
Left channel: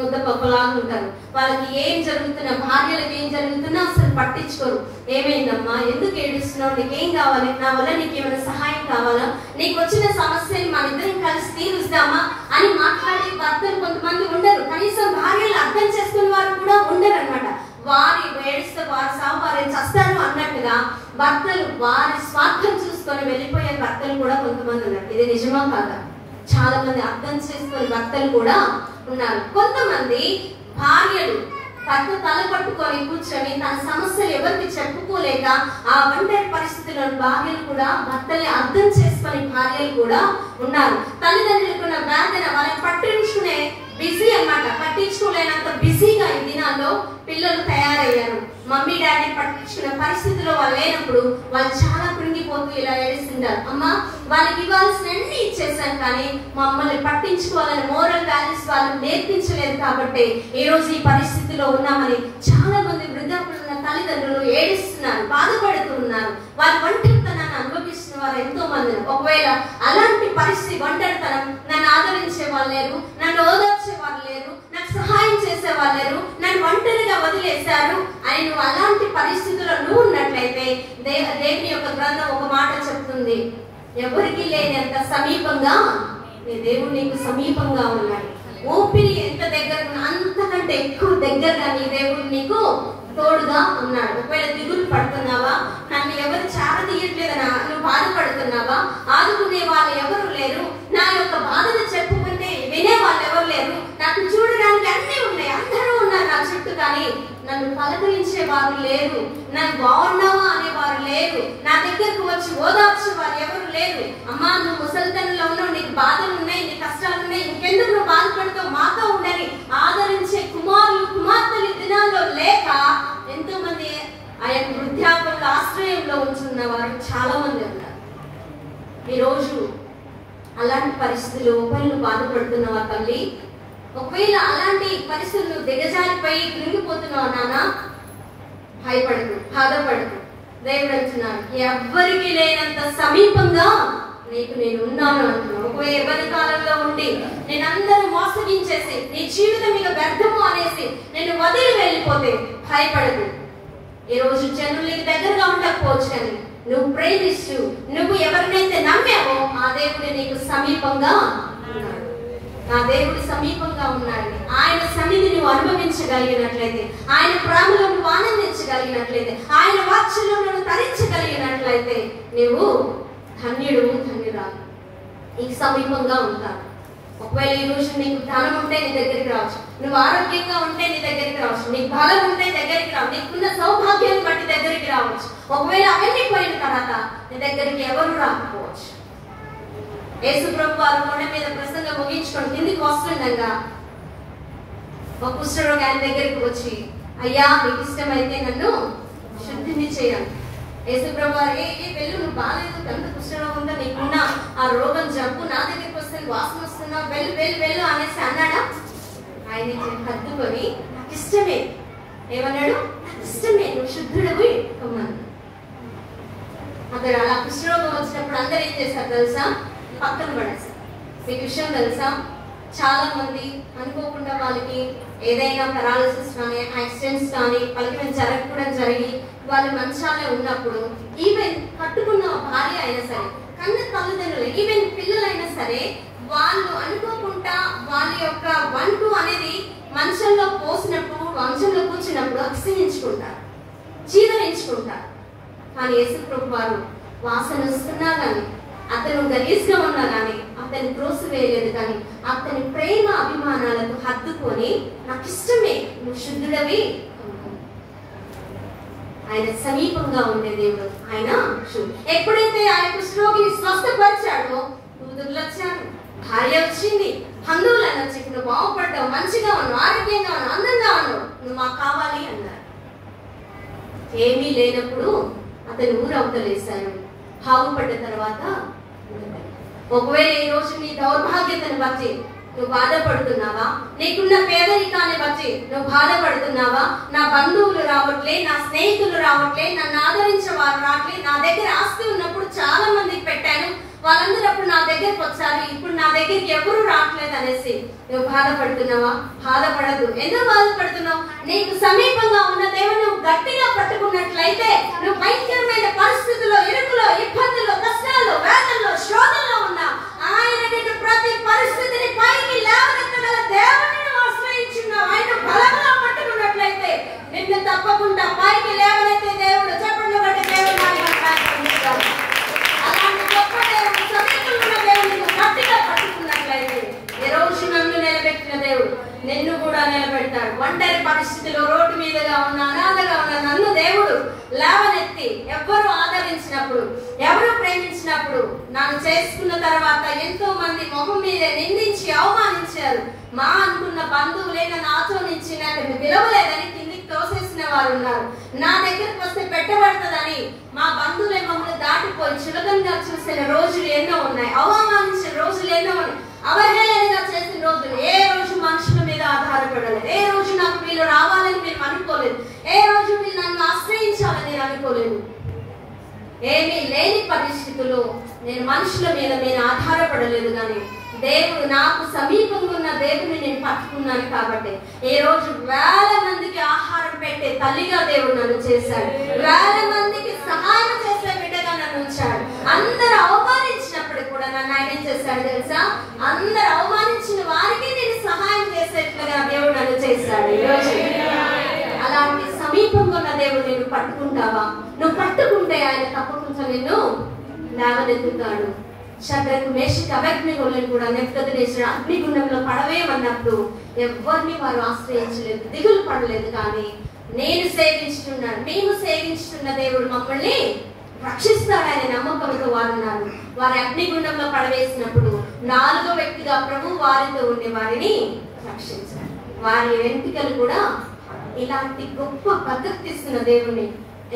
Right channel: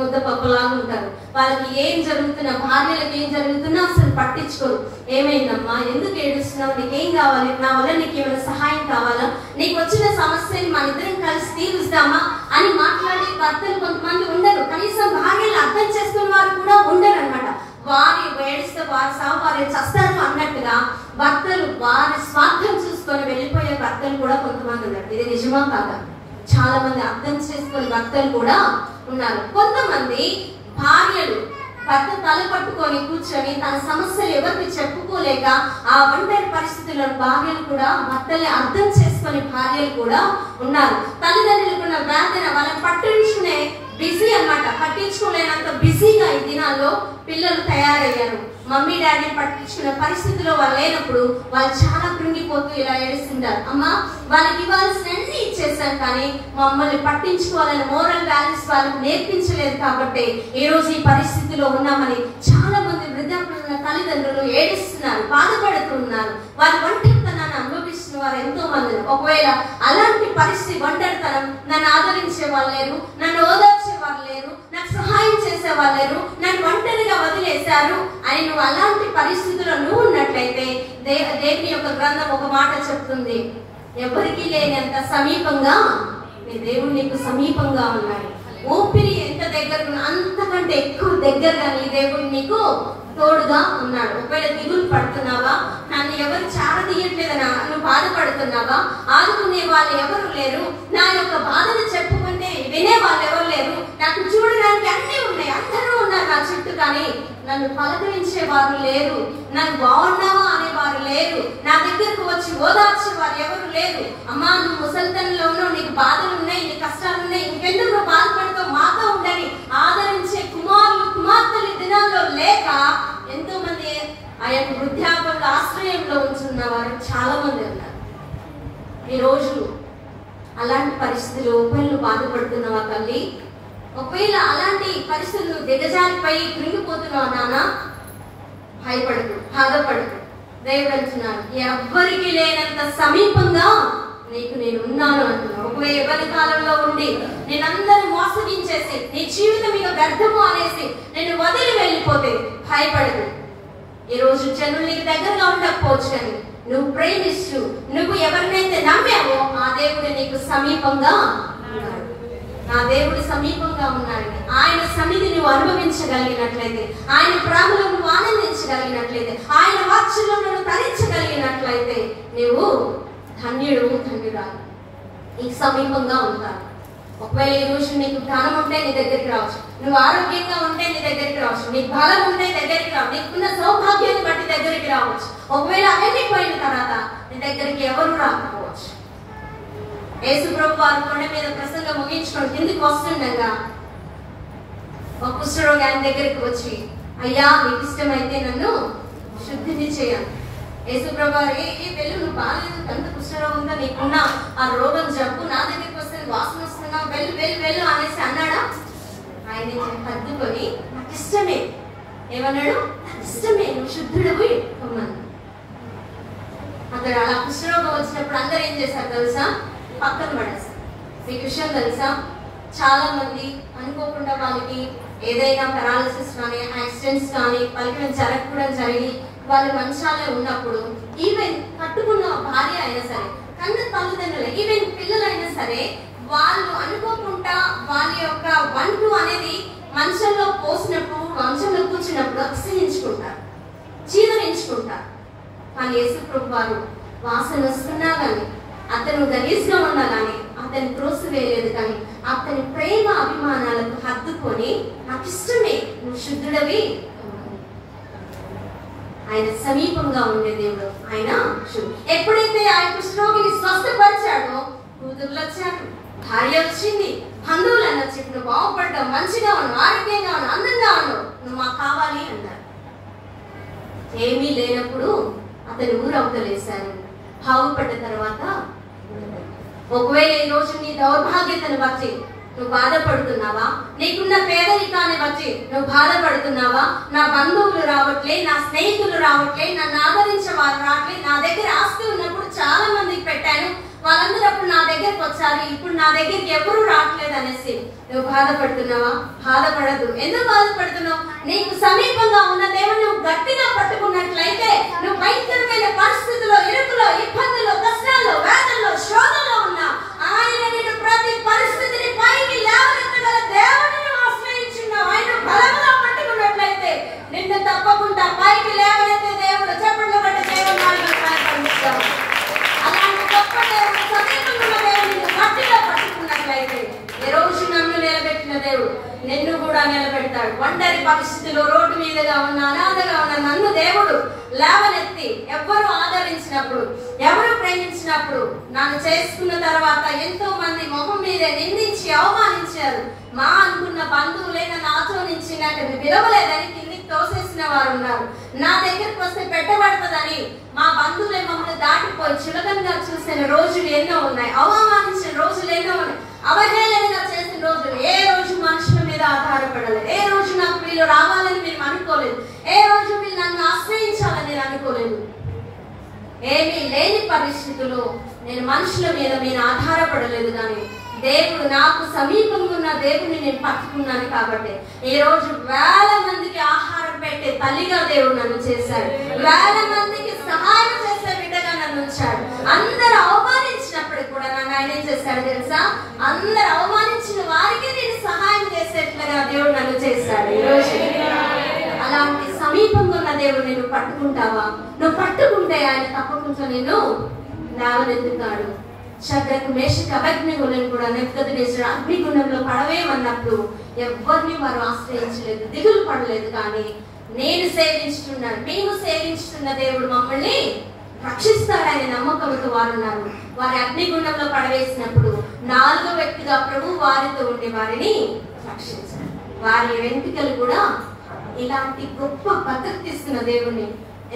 ముద్ద పక్కలాగా ఉంటారు. వాళ్ళకి ఏం జరుగుతున్నా, భార్యలకు ఏం జరుగుతున్నా అసలు పట్టించుకోరు. ఏమైందమ్మా, ఎందుకు ఏడుస్తున్నావు, నీకేం కావాలి, నా వల్ల నీకు ఏమైనా సహాయం కావాలా, నీకు వచ్చిన సమస్యని మన ఇద్దరం కలిసి తీరుస్తామా అని మాట్లాడే భర్తలు కొంతమంది ఉండరు. కనీసం భార్యలు అర్థం చేసుకున్న వారు కూడా ఉండరు అన్నమాట. వారి ఏడిస్తే వారి సాగు వారు చస్తారు అన్నట్టుగా భర్తలు వారి స్వార్థం చూసుకొని వెళ్ళిపోయే భర్తలు కూడా కొంతమంది ఉన్నారు. ఇది నిజమా కాదా? చాలా మంది అర్థం చేసుకునే భర్తలు కూడా ఉన్నారు. కొంతమంది భార్యలు భర్త తల పట్టుకొని కూర్చొని తన సమస్యలు ఎవరికి చెప్పుకోలేక ఆ ఒంటరి పరిస్థితుల్లో భార్యలు కూడా భర్తల్ని అర్థం చేసుకునే భార్యలు కూడా ఉన్నారు. తల్లిదండ్రులకున్న వేదన వాళ్ళని పట్టించుకునే బిజీ అన్నమాట. పట్టించుకోలేనంత బిజీగా ఈ దినాల్లో పిల్లలు తయారయ్యారు. మమ్మీ డాడీ పట్టించుకునే పరిస్థితిలో వాళ్ళు లేనప్పుడు వాళ్ళు చాలా కృంగిపోతూ ఇలా ఏడుస్తుంటారు. అమ్మా, వాళ్ళకి ఇవ్వాల్సినన్ని ఇచ్చేసాం కానీ మమ్మల్ని పట్టించుకోవాలని మోరల్ వాల్యూస్ వాళ్ళకి నేర్పించలేదు కాబట్టి ఈ రోజు ఈ పరిస్థితిలో ఉన్నామని చాలా మంది వృద్ధాప్యున్న తల్లిదండ్రులు ఏడుస్తున్నారు, బాధపడుతున్నారు. వాళ్ళ ఒంటరితనాన్ని అనుభవిస్తున్న వారు ఎంతో మంది. ఒకవేళ అలాంటి పరిస్థితి, ఒంటరితనం, నన్ను ఆదరించే వాళ్ళు లేరు, నన్ను ఓదార్చే వాళ్ళు లేరు, నాకు సహాయం చేసే వాళ్ళు లేరు, నన్ను ఒంటరిగా వదిలేశారు అని నువ్వు అలాంటి పరిస్థితుల్లో నువ్వు ఉన్నట్లయితే దేవుని యొక్క గ్రంథం ఒక మాట చెప్తుంది, ఎవరికి లేనంత సమీపంగా నీ దేవుడు నీకు సమీపంగా ఉన్నాడు. ఊపిరి ఎంత దగ్గర అంతకంటే ఎక్కువ దగ్గరగా నీ దేవుడు నీకు తోడుగా ఉన్నాడు. ఒకవేళ దిగులు పడుతున్నావా, నన్ను ఎవరు చారదీయట్లేదనా నువ్వు బాధపడుతున్నావా, ఆదుకునే వాళ్ళు ఎవరు లేరు, నా యొక్క బాధను చెప్పుకుంటే వినే వాళ్ళు ఎవరు లేరు, నాకు చూడడానికి అన్నీ ఉన్నాయి, అందరూ ఉన్నారు నా చుట్టూ, కానీ నన్ను పలకరించే వారు లేరు, నన్ను బాగున్నావా అనేవారు లేరు, నా దగ్గరకు వచ్చి ఓదార్చే వారు ఎవరు లేరు. అమ్మా, నువ్వు ముసలితనంలో ఉన్నావు, నీకు బాధలు ఉన్నాయి, నీ కష్టాలు ఉన్నాయి, ఇంకెందుకు నువ్వు బాధపడతావు, మాతో ఉండని ఆదరించే కుమారులు కుమార్తెలు దినాల్లో లేక ఎంతో మంది ఆయన వృద్ధాపంలో ఆశ్రయంలో ఉంటున్న వారు చాలా మంది ఉన్నారు. ఈరోజు అలాంటి పరిస్థితులు ఒకవేళ బాధపడుతున్నావా తల్లి, ఒకవేళ అలాంటి పరిస్థితులు దిగజారిపోయి కృంగిపోతున్నావు నాన్న, భయపడదు, బాధపడదు. దేవుడు అంటున్నాడు, ఎవ్వరికి లేనంత సమీపంగా నీకు నేను ఉన్నాను అంటున్నాను. ఒకవేళ ఎవరి కాలంలో ఉండి నేను అందరూ మోసగించేసి నీ జీవితం ఇక వ్యర్థము అనేసి నేను వదిలి వెళ్ళిపోతే భయపడదు. ఈ రోజు జనులు నీకు దగ్గరగా ఉండకపోవచ్చు, కానీ నువ్వు ప్రేమిస్తూ నువ్వు ఎవరినైతే నమ్మావో ఆ దేవుడు నీకు సమీపంగా ఉన్నాడు. నా దేవుడు సమీపంగా ఉన్నాడని ఆయన సన్నిధి నువ్వు అనుభవించగలిగినట్లయితే, ఆయన ప్రేమలో నువ్వు ఆనందించగలిగినట్లయితే, ఆయన వాత్సల్యంలో నువ్వు తరించగలిగినట్లయితే నువ్వు ధన్యుడు, ధన్యురాలు. నీకు సమీపంగా ఉంటావు. ఒకవేళ ఈ రోజు నీకు ధనం ఉంటే నీ దగ్గరికి రావచ్చు, నువ్వు ఆరోగ్యంగా ఉంటే నీ దగ్గరికి రావచ్చు, నీకు బలం ఉంటే దగ్గరికి రావచ్చు, నీకున్న సౌభాగ్యాన్ని బట్టి దగ్గరికి రావచ్చు. ఒకవేళ అవన్నీ పోయిన తర్వాత నీ దగ్గరికి ఎవరు రాకపోవచ్చు. యేసు ప్రభు వారు కొండ మీద ప్రసంగం ముగించుకొని కిందికి వస్తుండగా ఒక కుష్ఠరోగి ఆయన దగ్గరికి వచ్చి, అయ్యా మీకు ఇష్టమైతే నన్ను శుద్ధిని చేయాలి. యేసు ప్రభు వారు, వెళ్ళు, నువ్వు బాగాలేదు, కంట కుష్ఠరోగం ఉందా, నీకున్న ఆ రోగం జబ్బు నా దగ్గరికి వస్తే వాసన వస్తున్నావు, వెళ్ళు వెళ్ళు వెళ్ళు అనేసి అన్నాడా? ఆయన హద్దుకొని నాకు ఇష్టమే, ఏమన్నాడు? ఇష్టమే, నువ్వు శుద్ధుడవి అన్నాడు. అక్కడ అలా కుష్ఠరోగం వచ్చినప్పుడు అందరూ ఏం చేశారు తెలుసా? పక్కన పడేస్తారు. మీకు విషయం తెలుసా, చాలా మంది అనుకోకుండా వాళ్ళకి ఏదైనా పెరాలసిస్ కానీ యాక్సిడెంట్స్ కానీ వాళ్ళకి జరగకూడదు జరిగి వాళ్ళు మంచాలే ఉన్నప్పుడు, ఈవెన్ కట్టుకున్న భార్య అయినా సరే, కన్న తల్లిదండ్రులు, ఈవెన్ పిల్లలైనా సరే, వాళ్ళు అనుకోకుండా వాళ్ళ యొక్క వంటు అనేది మంచంలో పోసినప్పుడు, మంచంలో కూర్చున్నప్పుడు అసహించుకుంటారు, చీదరించుకుంటారు. కానీ యేసు ప్రభు వారు వాసన వస్తున్నా కానీ, అతను గలీజ్గా ఉన్నా కానీ అతని త్రోసివేయలేదు, కానీ అతని ప్రేమ అభిమానాలకు హద్దుకొని నాకు ఇష్టమే, నువ్వు శుద్ధుడవి. ఆయన సమీపంగా ఉండే దేవుడు ఆయన. ఎప్పుడైతే ఆయన కుష్ఠరోగిని స్వస్థపరిచాడో కూతుర్లు వచ్చాడు, భార్య వచ్చింది, బంధువులన్నా చెప్పి నువ్వు బాగుపడ్డావు, మంచిగా ఉన్నావు, ఆరోగ్యంగా ఉన్నావు, అందంగా ఉన్నావు, నువ్వు మాకు కావాలి అన్నారు. ఏమీ లేనప్పుడు అతని ఊరు అవతలేశారు. బాగుపడ్డ తర్వాత ఒకవేళ ఈ రోజు నీ దౌర్భాగ్యతను బట్టి నువ్వు బాధపడుతున్నావా, నీకున్న పేదరికాన్ని బట్టి నువ్వు బాధపడుతున్నావా, నా బంధువులు రావట్లే, నా స్నేహితులు రావట్లే, నన్ను ఆదరించే వారు రావట్లే, నా దగ్గర ఆస్తి ఉన్నప్పుడు చాలా మందికి పెట్టాను, వాళ్ళందరూ అప్పుడు నా దగ్గరకు వచ్చారు, ఇప్పుడు నా దగ్గరికి ఎవరు రావట్లేదు అనేసి నువ్వు బాధపడుతున్నావా? బాధపడదు. ఎందుకు బాధపడుతున్నావు? నీకు సమీపంగా ఉన్న దేవుని నువ్వు గట్టిగా పట్టుకున్నట్లయితే నువ్వు భయంకరమైన పరిస్థితుల్లో, ఇరుకులో, ఇబ్బందుల్లో, కష్టాల్లో, వేదనలో, శోధనలో ఉన్నా ఆయన నిన్ను ప్రతి పరిస్థితిని పైకి లేవనెత్తగల దేవుని నువ్వు ఆశ్రయించున్నావు. ఆయన బలంగా పట్టుకున్నట్లయితే నిన్ను తప్పకుండా పైకి లేవనెత్తే దేవుడు. చెప్పండి బట్టి దేవుడు అలాంటి గొప్ప దేవుడు, సమీపంగా దేవుడు నువ్వు గట్టిగా పట్టుకున్నట్లయితే ఈ రోజు నన్ను నిలబెట్టిన దేవుడు నిన్ను కూడా నిలబెడతాడు. ఒంటరి పరిస్థితిలో రోడ్డు మీదగా ఉన్న, అనాథగా ఉన్న నన్ను దేవుడు లేవనెత్తి ఎవరు ఆదరించినప్పుడు, ఎవరు ప్రేమించినప్పుడు, నన్ను చేసుకున్న తర్వాత ఎంతో మంది మొహం మీదే నిందించి అవమానించారు. మా అనుకున్న బంధువులే నన్ను ఆచోనించినట్టు విలువలేదని కిందికి తోసేసిన వారు ఉన్నారు. నా దగ్గరకు వస్తే పెట్టబడుతుందని మా బంధువులే మమ్మల్ని దాటిపోయి చులకనగా చూసిన రోజులు ఎన్నో ఉన్నాయి. అవమానించిన రోజులు ఎన్నో ఉన్నాయి. అవహేళనగా చేసిన రోజులు. ఏ రోజు మనుషుల మీద ఆధారపడలేదు. ఏ రోజు నాకు వీళ్ళు రావాలని నేను అనుకోలేదు. ఏ రోజు వీళ్ళు నన్ను ఆశ్రయించాలని నేను అనుకోలేదు. ఏమీ లేని పరిస్థితుల్లో నేను మనుషుల మీద నేను ఆధారపడలేదు. కానీ దేవుడు నాకు సమీపంగా ఉన్న దేవుడిని నేను పట్టుకున్నాను కాబట్టి ఈ రోజు వేల మందికి ఆహారం పెట్టే తల్లిగా దేవుడు నన్ను చేశాడు. వేల మందికి సహాయం చేసే బిడ్డగా నన్ను ఉంచాడు. అందరూ అవమానించినప్పటికి కూడా నన్ను ఆయన ఏం చేశాడు తెలుసా? అందరూ అవమానించిన వారికి నేను సహాయం చేసేట్లుగా దేవుడు నన్ను చేశాడు. ఈ రోజు అలాంటి సమీపంగా ఉన్న దేవుడు నేను పట్టుకుంటావా? నువ్వు పట్టుకుంటే ఆయన తప్పకుండా నేను లేవనెత్తుతాడు. శద్రకు, మేషకు, అబేద్నెగోలను కూడా నెబుకద్నెజరు అగ్నిగుండంలో పడవేయమన్నప్పుడు ఎవరిని వారు ఆశ్రయించలేదు, దిగులు పడలేదు. కానీ నేను సేవించుతున్నాను, మేము సేవించుతున్న దేవుడు మమ్మల్ని రక్షిస్తాడనే నమ్మకంతో వారు ఉన్నారు. వారి అగ్నిగుండంలో పడవేసినప్పుడు 4వ వ్యక్తిగా ప్రభు వారితో ఉండే వారిని రక్షించారు. వారి వెంట్రుకలు కూడా ఇలాంటి గొప్ప భద్రత ఇస్తున్న దేవుని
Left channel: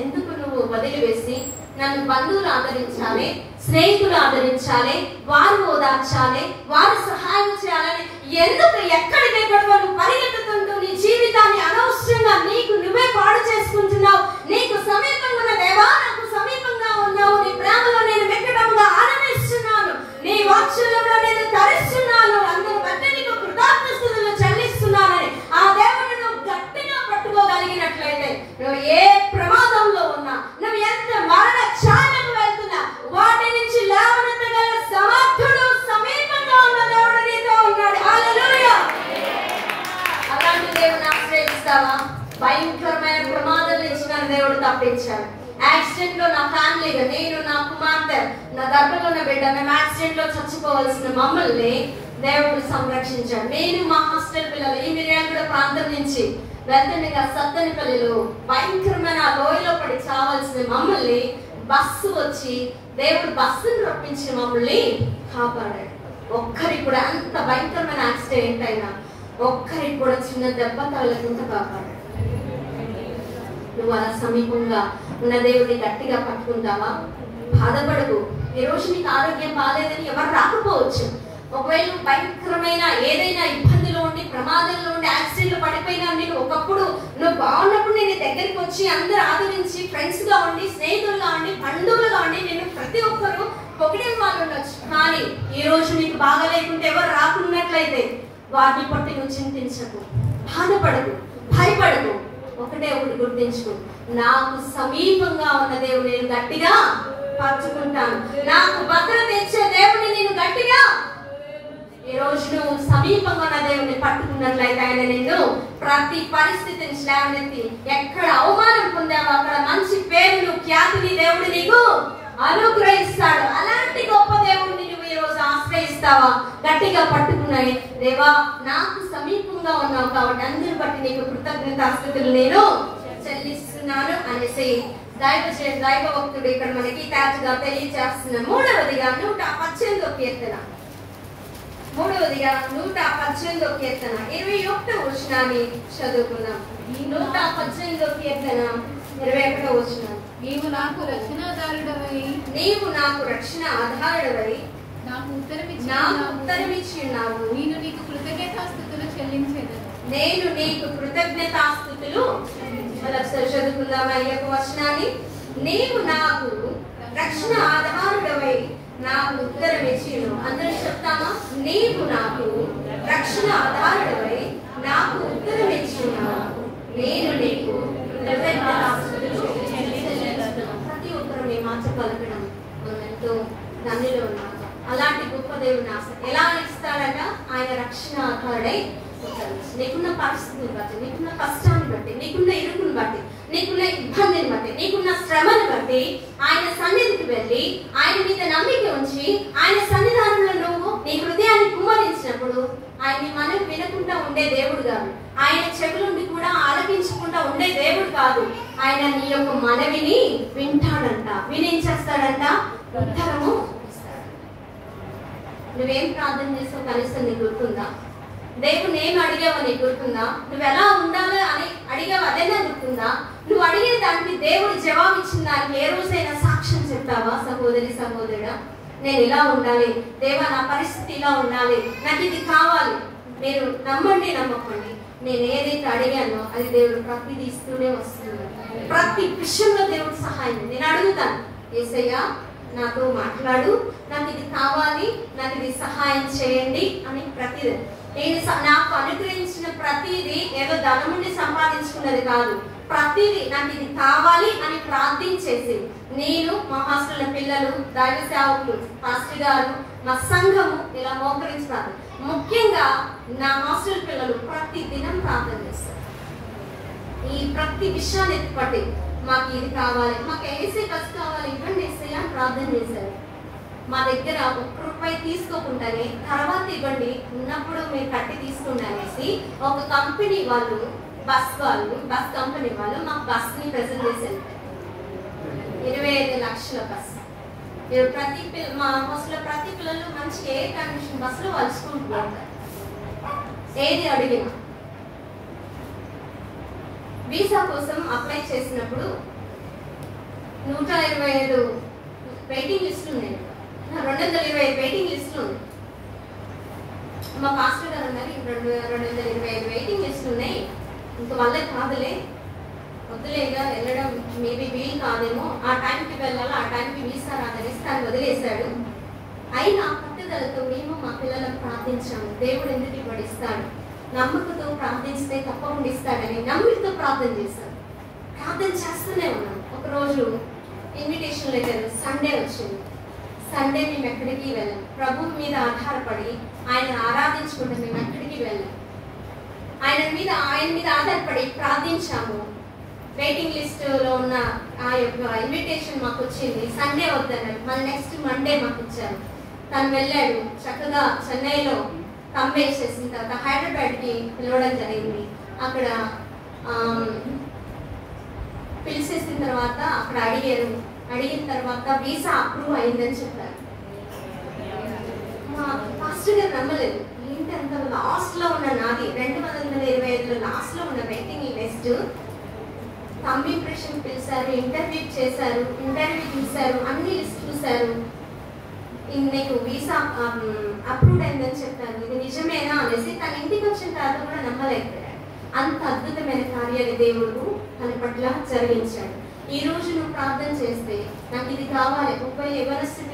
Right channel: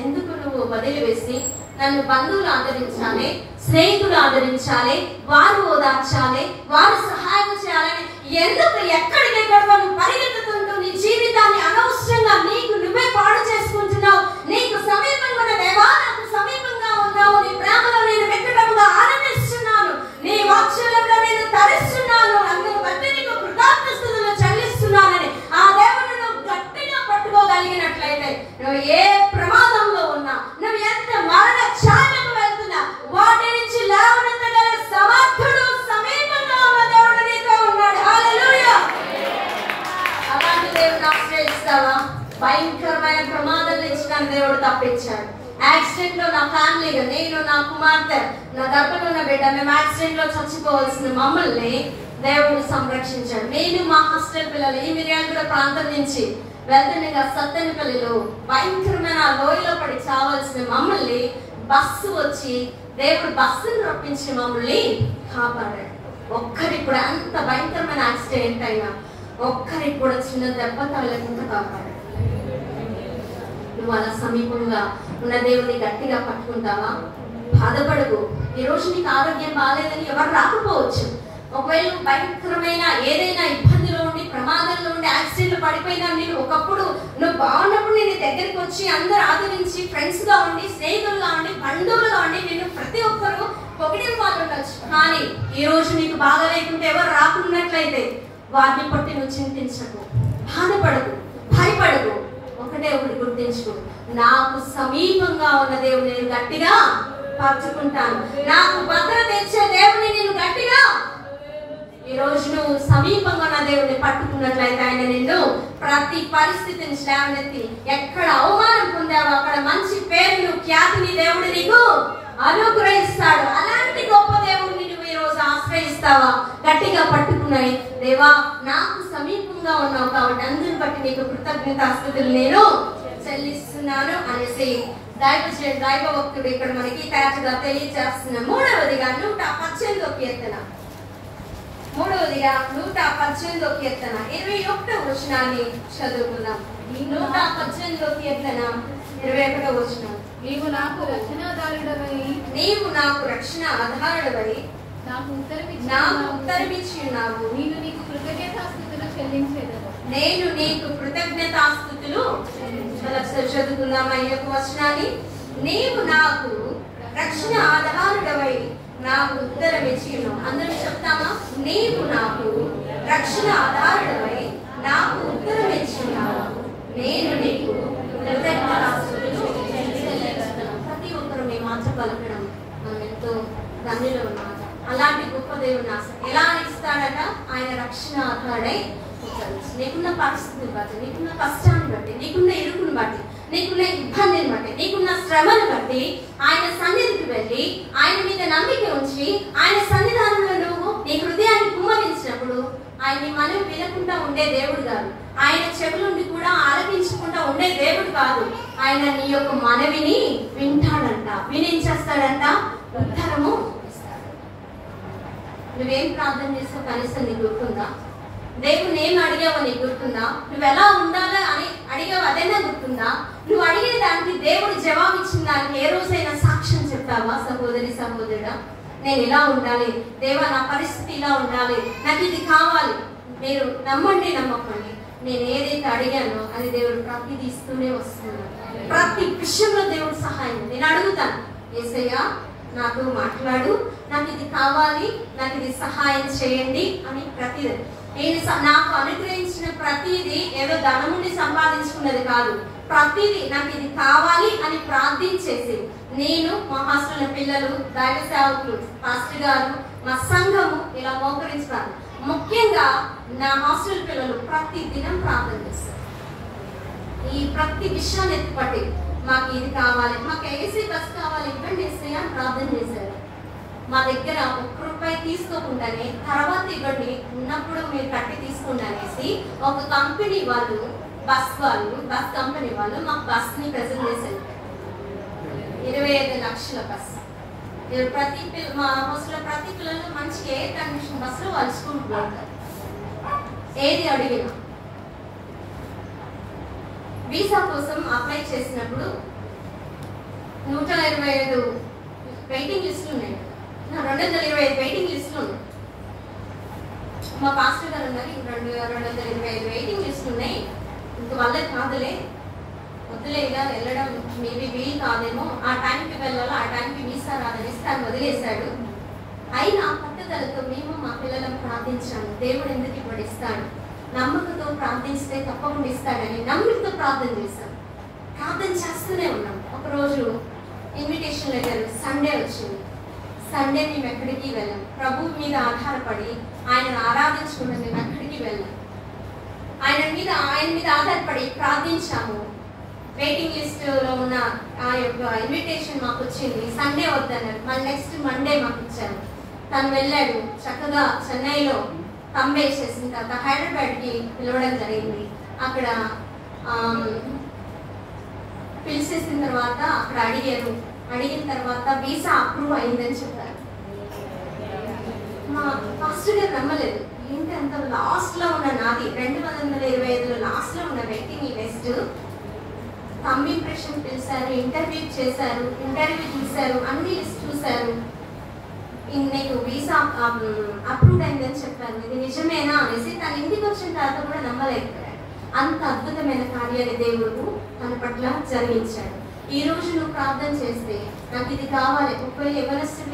ఎందుకు నువ్వు వదిలివేసి నన్ను బంధువులు ఆదరించాలి, స్నేహితులు ఆదరించాలి, వారు ఓదార్చాలి, వారు సహాయం చేయాలని ఎందుకు ఎక్కడికెక్కడ నువ్వు పరిగెత్తుతుంటూ నీ జీవితాన్ని అనవసరంగా నీకు నువ్వే పాడు చేసుకుంటున్నావు? నీకు సమీపంగా ఉన్న దేవా, నాకు సమీపంగా ఉన్నావు. నీ ప్రేమలో నేను వెక్కటంగా ఆనందిస్తున్నాను, నీ వాత్సల్యంలో నేను తరిస్తున్నాను, అందుకు బట్టి నీకు కృతజ్ఞతలు చెల్లిస్తున్నానని ఆ దేవుడిని నువ్వు గట్టిగా పట్టుకోగలిగినట్లయితే నువ్వు ఏ ప్రమాదంలో ఉన్నా, నువ్వు ఎంత మరణ ఛాయకు వెళ్తున్నా వాటి నుంచి లేవనెత్తగల సమర్థుడు సమీపంగా ఉన్న దేవుడు నీతో ఉన్నాడు. హల్లెలూయా! అలాంటి దేవుని ఆశ్రయిస్తావా? భయంకరమైన ప్రమాదం నుంచి నన్ను దేవుడు తప్పించాడు. యాక్సిడెంట్ లో నా ఫ్యామిలీగా, నేను, నా కుమార్తె, నా గర్భంలో ఉన్న బిడ్డ, మేము యాక్సిడెంట్ లో చచ్చిపోవాల్సిన మమ్మల్ని దేవుడు సంరక్షించాడు. నేను మా హాస్టల్ పిల్లలు ఈ మిర్యాలగూడ ప్రాంతం నుంచి వెళ్తుండగా సత్తెనపల్లిలో భయంకరమైన లోయలో పడి చావాల్సిన మమ్మల్ని బస్సు వచ్చి దేవుడు బస్సును రప్పించి మమ్మల్ని కాపాడాడు. ఒక్కరికి కూడా అంత భయంకరమైన యాక్సిడెంట్ అయినా ఒక్కరికి కూడా చిన్న దెబ్బ తగలకుండా కాపాడాడు. నువ్వు అలా సమీపంగా ఉన్న దేవుడిని గట్టిగా పట్టుకుంటావా? బాధపడకు. ఈ రోజు నీకు ఆరోగ్యం బాగాలేదని ఎవరు రాకపోవచ్చు. ఒకవేళ భయంకరమైన ఏదైనా ఇబ్బందిలో ఉండి, ప్రమాదంలో ఉండి, యాక్సిడెంట్ లో పడిపోయినా నేను ఒకప్పుడు నువ్వు బాగున్నప్పుడు నేను దగ్గరికి వచ్చి అందరూ ఆదరించి ఫ్రెండ్స్ గా ఉండి, స్నేహితులుగా ఉండి, బంధువులుగా ఉండి నేను ప్రతి ఒక్కరు పొగిడిన వాళ్ళు ఉండొచ్చు. కానీ ఈ రోజు నీకు బాగా లేకుంటే ఎవరు రాకున్నట్లయితే వారిని పట్టి నువ్వు చింతించకు, బాధపడకు, భయపడకు. ఒకటే ఒకటి గుర్తించుకో, నాకు సమీపంగా ఉన్న దేవుడు నేను గట్టిగా పట్టుకుంటాను. నాకు భద్రత ఇచ్చే దేవుడిని నేను గట్టిగా ఈ రోజు నువ్వు సమీపంగా ఉన్న దేవుడిని పట్టుకున్నట్లయితే ఆయన నిన్ను ప్రతి పరిస్థితిని లేవనెత్తి ఎక్కడ అవమానం పొందావో అక్కడ మంచి పేరును, ఖ్యాతిని దేవుడు నీకు అనుగ్రహిస్తాడు. అలాంటి గొప్ప దేవుడిని నువ్వు ఈ రోజు ఆశ్రయిస్తావా? గట్టిగా పట్టుకున్నాయి. దేవా, నాకు సమీపంగా ఉన్నావు కాబట్టి అందరిని బట్టి నీకు కృతజ్ఞతాస్తుతులు నేను చెల్లిస్తున్నాను అనేసి దైవ భక్తుడు ఇక్కడ మనకి తేటగా తెలియజేస్తున్న. మూడవదిగా 118వ కీర్తన, 21వ వచనాన్ని చదువుకుందాం. 118వ కీర్తన 21వ వచనం. నీవు నాకు రక్షణాధారుడవై, నీవు నాకు రక్షణ ఆధారుడవై నాకు ఉత్తరమిచ్చి ఉన్నావు. నేను నీకు కృతజ్ఞతాస్తుతులు చెల్లించేదను. నేను నీకు కృతజ్ఞతాస్తుతులు చదువుకుందాం. 5వ వచనాన్ని. నీవు నాకు రక్షణ ఆధారుడవై నాకు ఉత్తరం ఇచ్చిను. అందరూ చెప్తామా? నీవు నాకు రక్షణ ఆధారుడవై నాకు ఉత్తరం ఇచ్చినావు, నేను నీకు కృతజ్ఞతాస్తుతులు చెల్లిస్తున్నాను. ప్రతి ఒక్కరు నీ మాట పలకడం మనం ఎంతో ధన్యులు ఉన్నాము. అలాంటి గొప్ప దేవుని ఆశ ఎలా ఇస్తాడట? ఆయన రక్షణ ఆధారుడై నీకున్న పరిస్థితిని బట్టి, నీకున్న కష్టాన్ని బట్టి, నీకున్న ఇరుకుని బట్టి, నీకున్న ఇబ్బందిని బట్టి, నీకున్న శ్రమను బట్టి ఆయన సన్నిధికి వెళ్ళి ఆయన మీద నమ్మిక ఉంచి ఆయన సన్నిధానంలో నువ్వు నీ హృదయాన్ని కుమ్మరించినప్పుడు ఆయన మనవి వినకుండా ఉండే దేవుడు కాదు, ఆయన చెవులుండి కూడా ఆలకించకుండా ఉండే దేవుడు కాదు. ఆయన నీ యొక్క మనవిని వింటాడంట. వినేం చేస్తాడంట? ఉత్తరము ఇస్తాడు. నువ్వేం ప్రార్థన చేస్తావు కనీసం నీకు గుర్తుందా? దేవుడు నేను అడిగావు నీకు గుర్తుందా? నువ్వు ఎలా ఉండాలో అని అడిగావు అదైనా గుర్తుందా? నువ్వు అడిగే దానికి దేవుడు జవాబు ఇచ్చిన దానికి ఏ రోజైనా సాక్ష్యం చెప్తావా? సహోదరి సహోదరుడా, నేను ఇలా ఉండాలి, దేవా నా పరిస్థితి ఇలా ఉండాలి, నాకు ఇది కావాలి. మీరు నమ్మండి నమ్మకండి, నేను ఏదైతే అడిగానో అది దేవుడు ప్రతిదీ ఇస్తూనే వస్తున్నాడు. ప్రతి విషయంలో దేవుడు సహాయం. నేను అడుగుతాను, యేసయ్యా నాతో మాట్లాడు, నాకు ఇది కావాలి, నాకు ఇది సహాయం చేయండి అని ప్రతిదీ. నేను నాకు అనుగ్రహించిన ప్రతిదీ ఏదో ధనముండి సంపాదించుకున్నది కాదు. ప్రతిదీ నాకు ఇది కావాలి అని ప్రార్థించేసి నేను, మా హాస్టల్ పిల్లలు, దైవ సేవకులు, పాస్టర్ గారు, మా సంఘము ఇలా మోకరిస్తారు. ముఖ్యంగా నా హాస్టల్ పిల్లలు ప్రతి దినం ప్రార్థన చేస్తారు. ఈ ప్రతి విషయాన్ని ఎత్తుపట్టి మాకు ఇది కావాలి, మాకు ఏసీ బస్ కావాలి, ఇవ్వండి ఏసీ అని ప్రార్థన చేశారు. మా దగ్గర ₹1 తీసుకోకుండానే తర్వాత ఇవ్వండి, ఉన్నప్పుడు మీరు కట్టి తీసుకోండి అనేసి ఒక కంపెనీ వాళ్ళు, బస్ కంపెనీ వాళ్ళు మాకు బస్ ని ప్రెజెంట్ చేశారు. 25 లక్షల బస్. మా బస్సులో ప్రతి పిల్లలు మంచి ఎయిర్ కండిషన్ బస్సులో వాళ్ళు స్కూల్కి వెళ్తారు. ఏది అడిగినా వీసా కోసం అప్లై చేసినప్పుడు 125 వెయిటింగ్ లిస్టులు ఉన్నాయి. 225 వెయిటింగ్ లిస్టులు ఉన్నాయి. మా పాస్టర్ గారు ఉన్నారు, 225 వెయిటింగ్ లిస్టులు ఉన్నాయి, ఇంక వల్ల కాదులే, వద్దులేగా వెళ్ళడం మేబీ వీలు కాదేమో, ఆ టైంకి వెళ్ళాలా, ఆ టైంకి వీసా రాదని తను వదిలేశాడు. అయినా పట్టుదలతో మేము మా పిల్లలను ప్రార్థించాము. దేవుడు ఎందుకు ఇప్పుడు ఇస్తాడు, నమ్మకంతో ప్రార్థిస్తే తప్పకుండా ఇస్తాడని నమ్మకంతో ప్రార్థన చేశాం. ప్రార్థన చేస్తూనే ఉన్నాం. ఒకరోజు ఇన్విటేషన్ లెటర్ సండే వచ్చింది. సండే మేము ఎక్కడికి వెళ్ళాం. ప్రభువు మీద ఆధారపడి ఆయన ఆరాధించుకుంటే మేము ఎక్కడికి వెళ్ళాం. ఆయన మీద ఆధారపడి ప్రార్థించాము. వెయిటింగ్ లిస్ట్ లో ఉన్న ఆ యొక్క ఇన్విటేషన్ మాకు వచ్చింది. సండే వద్దన్నారు, మళ్ళీ నెక్స్ట్ మండే మాకు ఇచ్చారు. తను వెళ్ళాడు, చక్కగా చెన్నైలో తంబేసేసిన తర్వాత హైదరాబాద్ కి పిలవడం జరిగింది. అక్కడ పిలిచేసిన తర్వాత అక్కడ అడిగిన తర్వాత వీసా అప్రూవ్ అయిందని చెప్పారు. మా పాస్టర్ గారు నమ్మలేదు. ఏంటి అంత లాస్ట్ లో ఉన్న నాది 225 లాస్ట్ లో ఉన్న వెయిటింగ్ లిస్ట్. థంబ్ ఇంప్రెషన్ పిలిచారు, ఇంటర్వ్యూ చేశారు, ఇంటర్వ్యూ చూశారు, అన్ని లిస్ట్ చూశారు. నీకు వీసా అప్రూవ్ అయిందని చెప్పారు. ఇది నిజమేనా అనేసి తన ఇంటికి వచ్చిన తర్వాత కూడా నమ్మలేకపోయాడు. అంత అద్భుతమైన కార్యాలు దేవుడు తన పట్ల జరిగించాడు. ఈ రోజు నువ్వు ప్రార్థన చేస్తే నాకు ఇది కావాలి, ఒకవేళ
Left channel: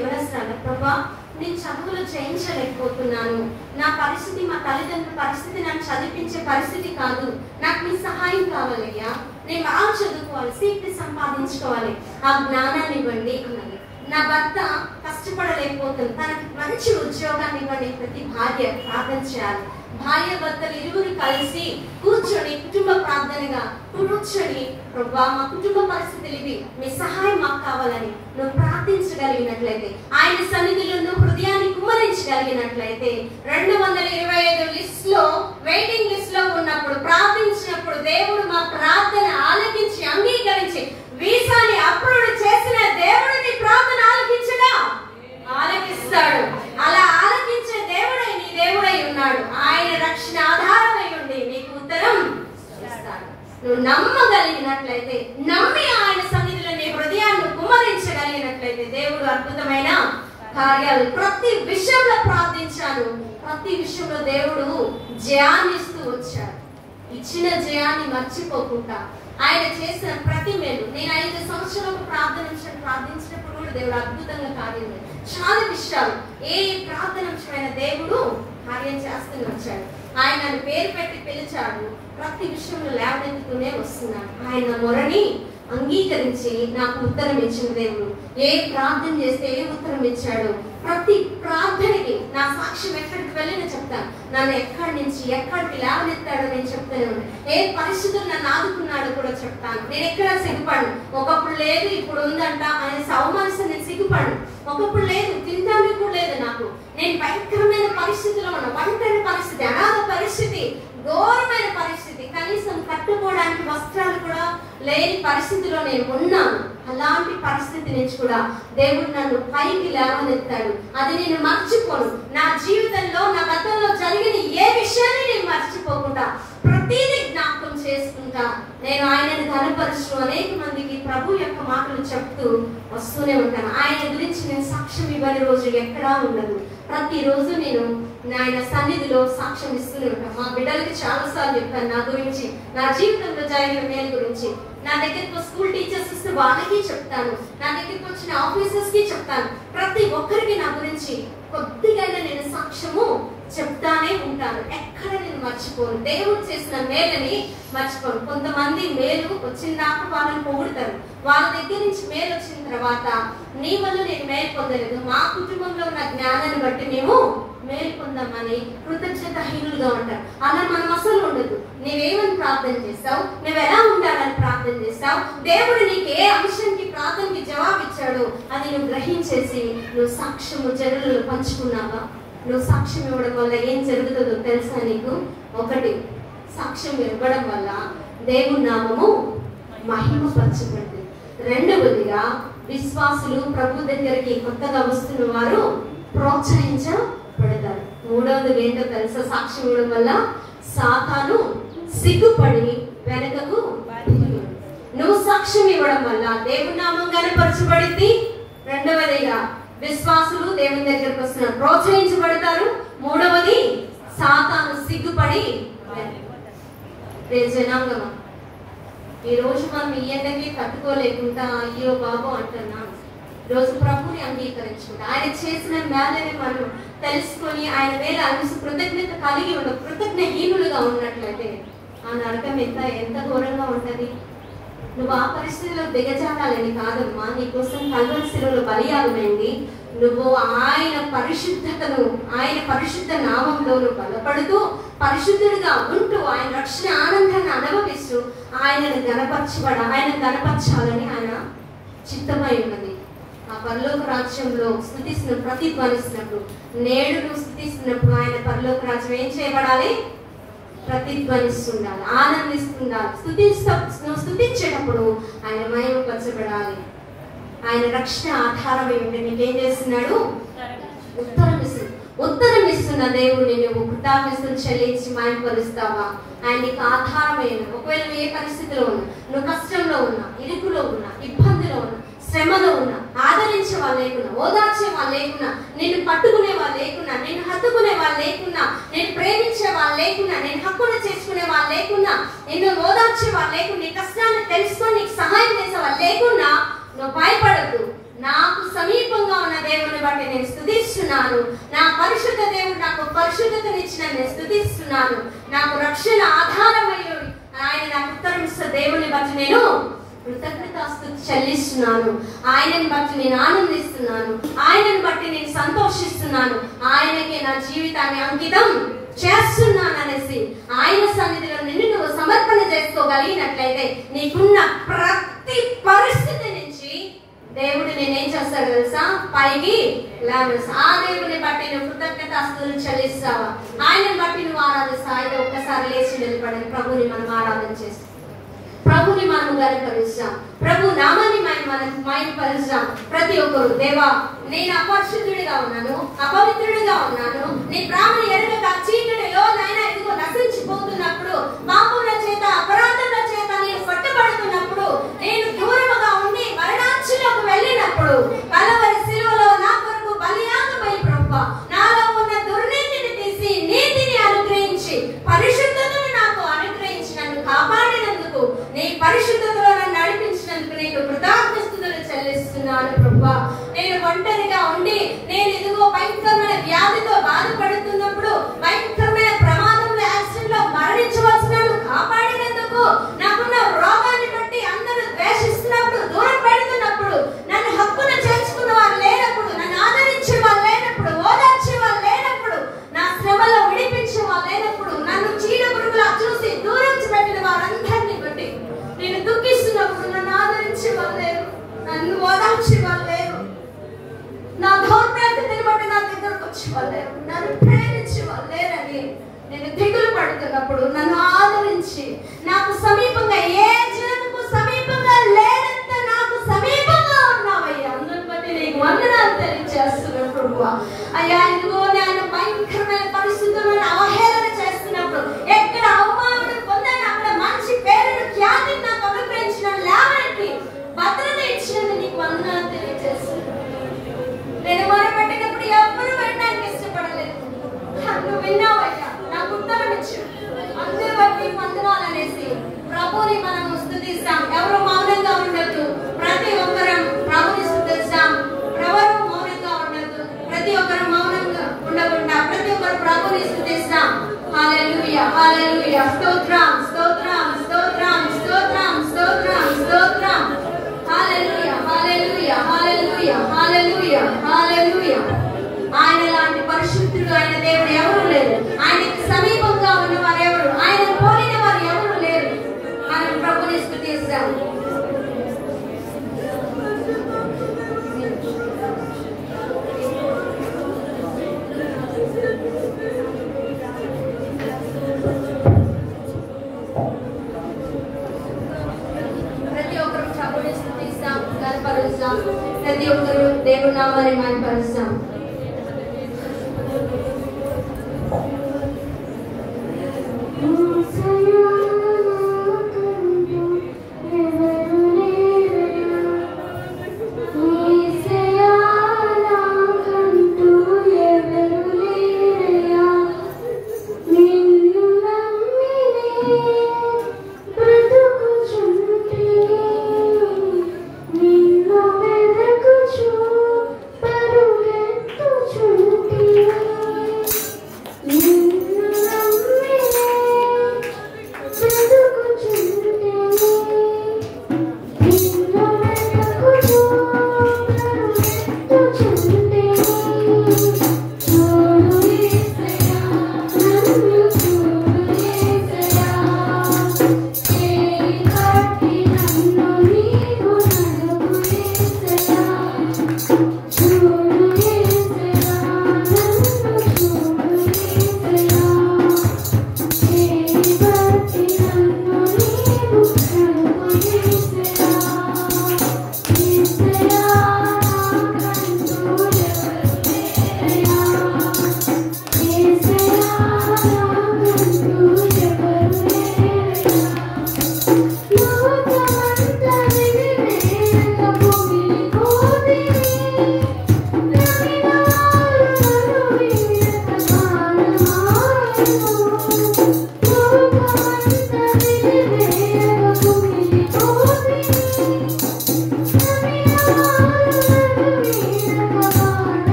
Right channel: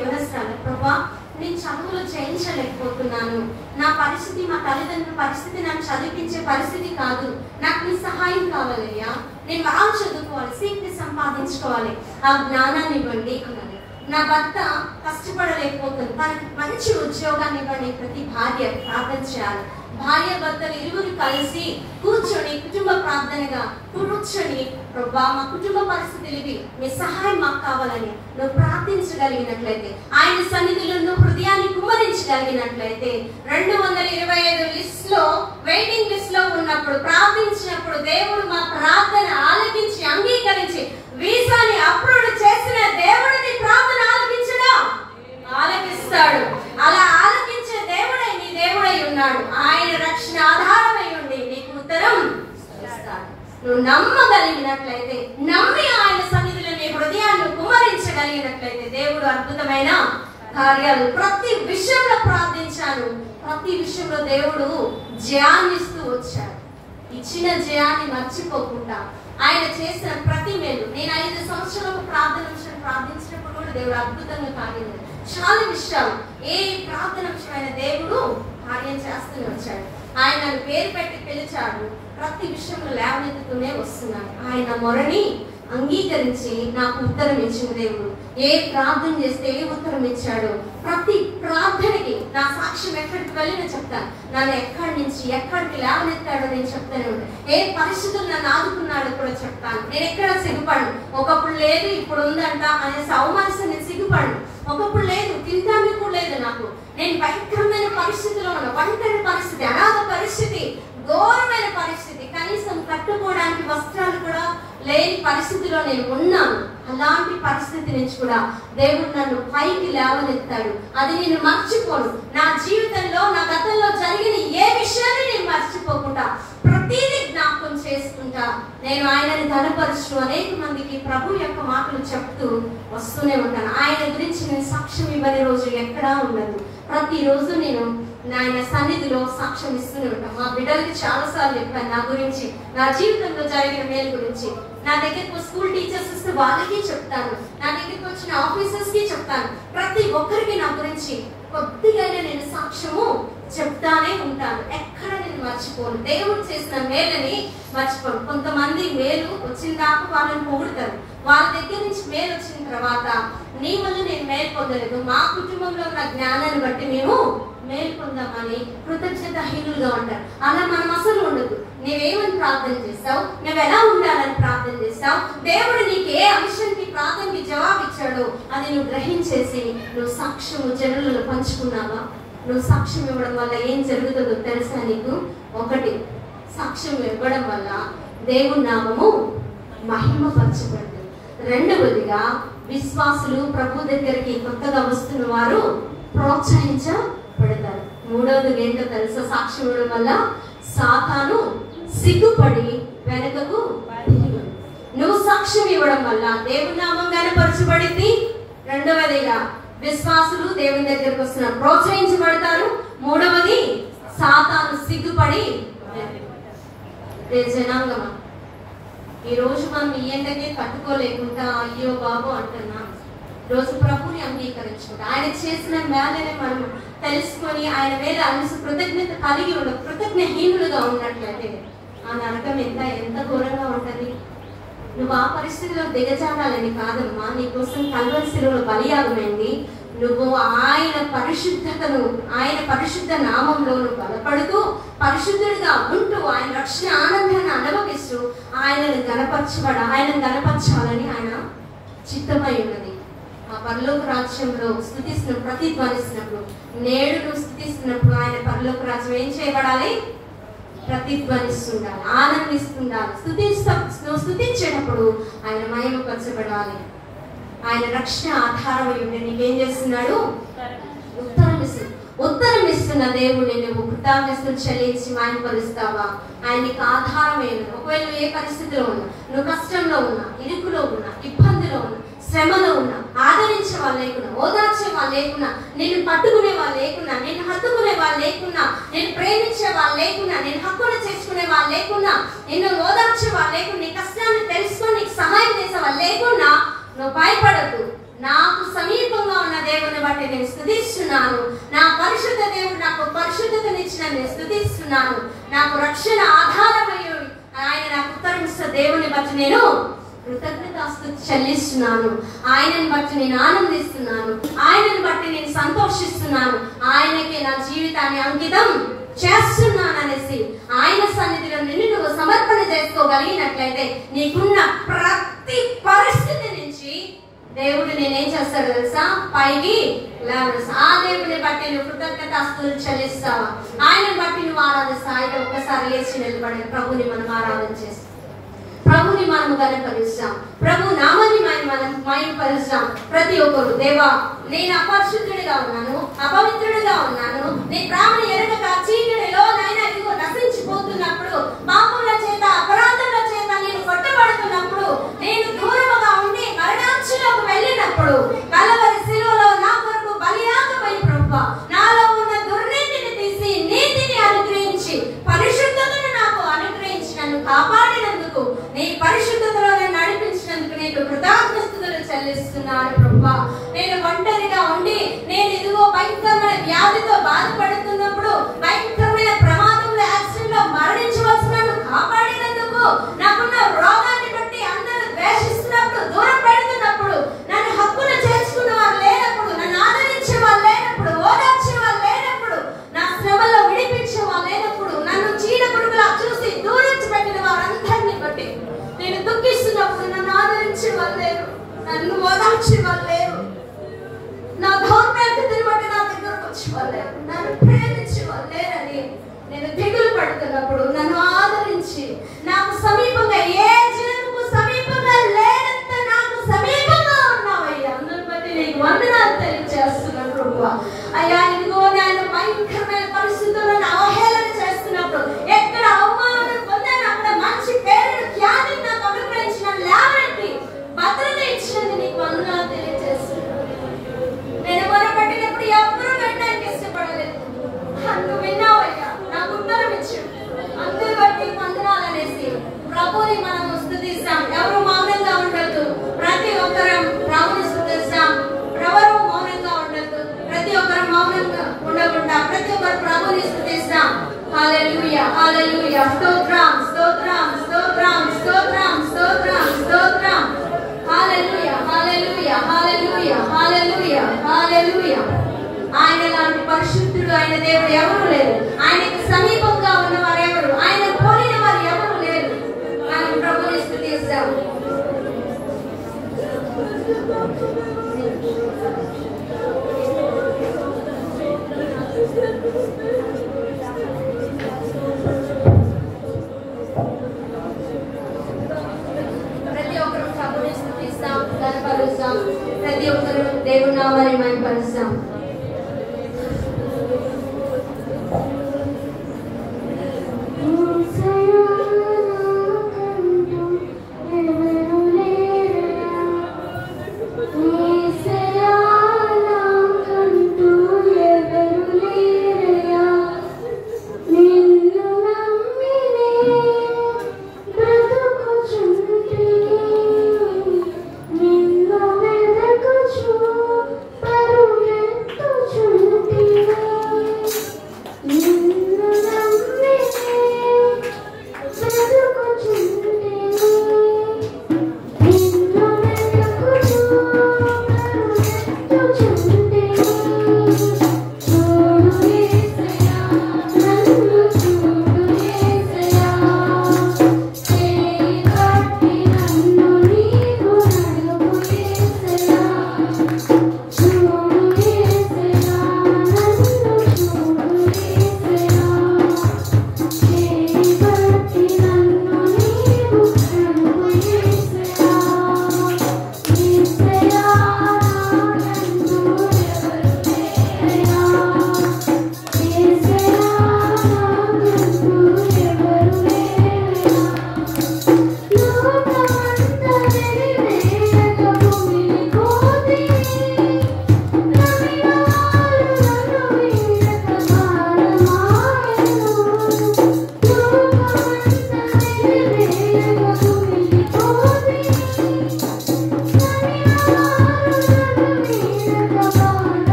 ఎవరొస్తారు ప్రభా నేను చదువులు చేయించలేకపోతున్నాను, నా పరిస్థితి, మా తల్లిదండ్రుల పరిస్థితి నాకు చదివించే పరిస్థితి కాదు, నాకు నీ సహాయం కావాలయ్యా, నేను బాగా చదువుకోవాలి, సీట్ని సంపాదించుకోవాలి, ఆ జ్ఞానాన్ని ఇవ్వండి అన్నాను. నా భర్త కష్టపడలేకపోతుంది, తనకి మంచి ఉద్యోగాన్ని ఇవ్వండి. ప్రతి భార్య ప్రార్థన చేయాలి. భార్య భర్తలు ఇరువురు కలిసి కూర్చొని కుటుంబ ప్రార్థనగా కూర్చొని ప్రభా మా కుటుంబ పరిస్థితులు ఇవి, మీ సహాయం మాకు కావాలని నువ్వు ప్రార్థించగలిగినట్లయితే, ఆయన సన్నిధిలో నువ్వు హృదయాన్ని కుమ్మరించగలిగినట్లయితే 225 లిస్ట్ లో వెయిటింగ్ లిస్ట్ లో ఉన్నప్పుడు ప్రార్థించినప్పుడు దేవుడు మా ప్రార్థన ఆలకించి అంగీకరించి వీసాని అప్రూవ్ చేసిన దేవుడు నీ ప్రార్థన ఆలకించడా? ఆలకిస్తాడు. అలా ఆలకించే దేవుడే నీ దేవుడై ఉన్నాడు. ఆయన రక్షణ ఆధారమై ఉండి నీకు ఉత్తరం ఇస్తాడు. నువ్వు నమ్మగలిగినట్లయితే, నమ్మి ఆయన సన్నిధిలో నీ హృదయాన్ని కుమ్మరించగలిగినట్లయితే దేవుడు అద్భుతమైన కార్యాలు ప్రతి విషయంలో ప్రార్థించాను. ప్రతి విషయంలో దేవుడు జయాన్ని ఇస్తూ వచ్చాడు. ఇచ్చిన జయాన్ని మర్చిపోకుండా ఆయన చేసిన ప్రతి మేలు. నేను 5 సంవత్సరాలకు ప్రార్థించినప్పుడు కూడా దేవుడు అద్భుతంగా కార్యం చాలా సంవత్సరాలు ఏ ప్రార్థనమైన దేవుడు కార్యం చేస్తూనే వచ్చాడు. ఆయన పేరు పెట్టి పిలిచాడు, ప్రతి విషయంలో లేవనెత్తుతూనే వస్తున్నాడు. ఆయన మొరని అంగీకరించి నాకు ఉత్తరం ఇచ్చిన దేవుడు. ఏ ప్రార్థన చేస్తే ఏ ఉత్తరం ఇచ్చాడు, ప్రతి ప్రార్థనకి నా సాక్ష్యం ఎక్కడికి వెళ్ళినా చెప్తాను. నన్ను ఎక్కడి నుంచి ఎక్కడికి లేవనెత్తాడో నేను చెప్తానే ఉంటాను. ఏ పరిస్థితులు నన్ను ఆదుకున్నాడో కూడా చెప్తాను. నేను ఎక్కడ సిగ్గుపడను. ఒకప్పుడు లేదు ఇప్పుడు ఉందంట అనేసి అవమానిస్తే నేను సిగ్గుపడను. ఒకప్పుడు లేదు, తినడానికి కూడా లేదు నాకు. నేను భయంకరమైన పరిస్థితిలో ఉన్నా, భయంకరమైన పరిస్థితి, అనాథ పరిస్థితి, ఘోరమైన పరిస్థితి, కనీసం కట్టుకోవడానికి వస్త్రాలు కూడా లేని పరిస్థితిలో నేను ఉన్నాను. అలాంటి పరిస్థితి నుంచి కూడా దేవుడు నన్ను పైకి లేవనెత్తాడు. అది నేను మర్చిపోను. నా జీవితంలో నా గతంలో జరిగిన ఏ విషయాన్ని నేను మర్చిపోకుండా ప్రతిదీ జ్ఞాపకం చేసుకుంటా నేను ఆయనని ఘనపరుస్తూ అనేక మందికి ప్రభు యొక్క మాటలు చెప్తూ వస్తూనే ఉంటాను. ఆయన గురించి నేను సాక్ష్యం ఇవ్వని రోజు ఎక్కడా ఉండదు. ప్రతిరోజు నేను ఆయన సన్నిధిలో సాక్ష్యం ఇస్తూనే ఉంటాను. మా బిడ్డలకి చాలా సార్లు చెప్పాను నా గురించి, నా జీవితంలో జరిగిన మేలు గురించి. నా దగ్గరికి స్కూల్ టీచర్స్ ఇస్తే వాళ్ళకి చెప్తాను, నా దగ్గరికి వచ్చిన ఆఫీసర్స్ కి చెప్తాను. ప్రతి ఒక్కరికి నా గురించి కొద్దిగా నేను సాక్ష్యము చెప్తానే ఉంటాను. ఎక్కడ నేను మర్చిపోను. దేవుడు చేసిన మేలని మర్చిపోను. కొంతమంది మేలు వచ్చిన దాకా వాళ్ళని పొగుడతారు. వాళ్ళ దగ్గర నుంచి మేలు వచ్చిన తర్వాత నీ వల్ల నేను మేలు పొందలేదు, మా కుటుంబంలో ఉన్న జ్ఞానాన్ని బట్టి మేము మేలు పొందామని కృతజ్ఞతాహీనులుగా ఉంటారు. అలా మనం అసలు ఉండదు. నువ్వేమని ప్రార్థన చేస్తావు, నువ్వు ఎలా ఉండాలని ప్రార్థన చేస్తావు, దేవుడు నీకు ఏ అంశానికి ప్రార్థనకి జవాబు ఇచ్చాడో అది నువ్వు గ్రహించేసి నువ్వు సాక్ష్యము జనులను పంచుకున్నావా? నువ్వు సాక్ష్యం ఇవ్వడం వల్ల ఏం జరుగుతుందో తెలుసా నీకు? ఒకటి, సాక్ష్యం ఇవ్వడం వల్ల దేవుని నామము మహిమపరచబడుతుంది. రెండవదిగా విశ్వాసులు ప్రభు దగ్గరికి కొత్తగా వస్తున్న వారు ప్రోత్సహించబడతారు. మూడవది ఏంటో తెలుసా? సాక్ష్యం ఇవ్వడం వల్ల సాతాను సిగ్గుపడి వెనకకు. నువ్వు సాక్ష్యం ఇవ్వడం వల్ల దేవుని నామం ఘనపరచబడింది. రెండవదిగా విశ్వాసులు దేవుని దగ్గరకు వస్తున్నారు, ప్రోత్సహించబడతారు. మూడవది సాతాను సిగ్గుపడి. జనాంగమా, ఈ రోజు మనం ఈ ఎండకి తట్టుకోలేకుండా అయ్యో బాబు అంటున్నాం. రోజు ప్రభుని అంగీకరించుకుంటా ఆయన చేసిన మేలని మనం తెలుసుకొని ఆయన వేళ అనిసి కృతజ్ఞత కలిగి ఉన్న కృతజ్ఞహీనులుగా ఉన్నట్లయితే ఆ నరకం ఎంత ఘోరంగా ఉంటది. నువ్వు ఆ పరిస్థితిలో దిగజారాలని కాదమ్మా, నీకోసం కల్వరి శిలువలో బలియాగమైంది. నువ్వు ఆయన పరిశుద్ధతను, ఆయన పరిశుద్ధ నామంలో నువ్వు బలపడుతూ పరిశుద్ధుడిగా ఉంటూ ఆయన రక్షణ ఆనందాన్ని అనుభవిస్తూ ఆయనను గణపరచాలని ఆయన చిత్తమై ఉన్నది. ఆ పరలోక రాజ్యంలో స్తుతిస్తున్న ప్రతిధ్వనిస్తున్నప్పుడు, నేడు నువ్వు స్తుతిస్తున్నప్పుడు ఆయన పరలోక రాజ్యం ఏం చేయబడాలి? ప్రతిధ్వనిస్తుండాలి, ఆనందిస్తుండాలి. నువ్వు స్తుతించేటప్పుడు ఆయన మహిమపరచబడాలి. ఆయన రక్షణ ఆధారమై ఉండి నీకేం చేస్తున్నాడు? ఉత్తరం ఇస్తున్న దేవుడిని నువ్వు కృతజ్ఞతలు చెల్లించి మహిమపరుస్తావా? ఆయన నీకు ఆధారమైన, ఒకవేళ ఏ పరిస్థితిలో ఉన్నా, నువ్వు కష్టంలో ఉన్నా, ఇరుకులో ఉన్నా, ఇబ్బందిలో ఉన్నా, శ్రమలో ఉన్నా, ఆదరించే వాళ్ళు లేకున్నా, ఓదార్చే వాళ్ళు లేకున్నా, నిన్ను పట్టుకునే వాళ్ళు లేకున్నా, నిన్ను హత్తుకునే వాళ్ళు లేకున్నా, నేను ప్రేమించే వాళ్ళు లేకున్నా, నేను హక్కును చేసుకునే వాళ్ళు లేకున్నా, నిన్ను ఓదార్చే వాళ్ళు లేకున్నా, నీ కష్టాన్ని తెలుసుకొని నీకు సహాయం చేసే వాళ్ళు లేకున్నా, నువ్వు భయపడద్దు. నాకు సమీపంగా ఉన్న దేవుని బట్టి నేను స్తుతిస్తున్నాను. నా పరిశుద్ధ దేవుడు నాకు పరిశుద్ధతనిచ్చిన నేను స్తుతిస్తున్నాను. నాకు రక్షణ ఆధారమై ఆయన నాకు ఉత్తరమిస్తున్న దేవుని బట్టి నేను కృతజ్ఞతాస్తుతి చెల్లిస్తున్నాను. ఆయనని బట్టి నేను ఆనందిస్తున్నాను. ఆయనని బట్టి నేను సంతోషిస్తున్నాను. ఆయనకే నా జీవితాన్ని అంకితం చేస్తున్నాను అనేసి ఆయన సన్నిధిలో నిన్ను నువ్వు సమర్పణ చేసుకోగలిగినట్లయితే నీకున్న ప్రతి పరిస్థితి నుంచి దేవుడు నేనేం చేస్తాడు తెలుసా? పైకి లేవనెత్తాడు. ఆ దేవుని బట్టి నువ్వు కృతజ్ఞతాస్తుతులు చెల్లిస్తావా? ఆయనని బట్టి నువ్వు ఆరాధిస్తావు. అయితే ఒక్కసారి లేచి నిలబడి ప్రభుని మనం ఆరాధన చేస్తాం, ప్రభుని మనం గణపరుస్తాం, ప్రభు నామాన్ని మనం మహిమపరుస్తాం. ప్రతి ఒక్కరు, దేవా నేను అపరిశుద్ధుడిగా ఉన్నాను, అపవిత్రుడిగా ఉన్నాను, నీ ప్రాణం ఎరగక చీకటిలో నాయన ఇదిగో నశించిపోతున్నప్పుడు, పాపముల చేత అపరాధముల చేత నేను కొట్టబడుతున్నప్పుడు, నేను దూరముగా ఉండి మరణాంచులోకి వెళ్ళినప్పుడు కలవరి శిలువలో నా కొరకు బలియాగమై ప్రభువా నాలో ఉన్న దుర్నీతిని తీసి నీతిని అనుగ్రహించి పరిశుద్ధతను నాకు అనుగ్రహించి నన్ను కాపాడినందుకు, నీ పరిశుద్ధతలో నన్ను నడిపించినందుకు నీకు కృతజ్ఞతలు చెల్లిస్తున్నాను ప్రభువా. నేను ఒంటరిగా ఉండి నేను ఇదిగో వచ్చే వాళ్ళు, నన్ను ప్రేమించే వాళ్ళు లేరని నేను దిగులు పడుతున్నప్పుడు నన్ను ఆదరించి నాకు సమీపంగా, ఏ జనముకు సమీపంగా లేనంత నాకు సమీపంగా ఉన్నావయ్యా. అందరి బట్టి నీకు వందనాలు తెలియజేస్తున్నప్పుడు అయ్యా, ఇదిగో నేను భయంకరమైన పరిస్థితులను అవహేళన చేస్తున్నప్పుడు, ఎక్కడ అవమానం పొందాను అక్కడ మంచి పేరును ఖ్యాతిని నాకు అనుగ్రహించిన లేవనెత్తి భద్రత ఇచ్చినది నీకు వందనాలు తెలియజేస్తున్నాను. నేను మొదలుపెట్టినప్పుడు ఎవరు వెళ్ళడానికి ఇష్టపడలేదు, నువ్వు విన్నావయ్యా, నాకు ఉత్తరం ఇచ్చు. అందరి బట్టి వందనాలు అనేసి ప్రభుని మనం స్తుతిస్తాం. ఎవరు మౌనంగా ఉండొద్దు, ప్రతి ఒక్కరం ప్రభుని స్తుతిస్తాం. ఎవరు మౌనంగా ఉండొద్దు, ప్రతి ఒక్కరు మౌనంగా ఉండకుండా ప్రతి ఒక్కరు ప్రభుని స్తుతిస్తాం. హల్లెలూయా, హల్లెలూయా, స్తోత్రం, స్తోత్రం, స్తోత్రం, స్తోత్రం, స్తోత్రం, స్తోత్రం. హల్లెలూయా, హల్లెలూయా, హల్లెలూయా, హల్లెలూయా, హల్లెలూయా. ఆయన లాంటి పరిశుద్ధుడు ఆయన దేవుడు ఎవరు లేరు. ఆయనకు సమీపంగా ఉన్న వారు ఎవరు, ఆయన పోలిన వారు ఎవరు లేరు. మనం ప్రభుని స్తుతిస్తాం. ప్రతి ఒక్కరు ప్రభుని స్తుతిస్తాం, కనపరుస్తాం. ప్రతి ఒక్కరు దేవుని నామాన్ని మహిమపరుస్తాం.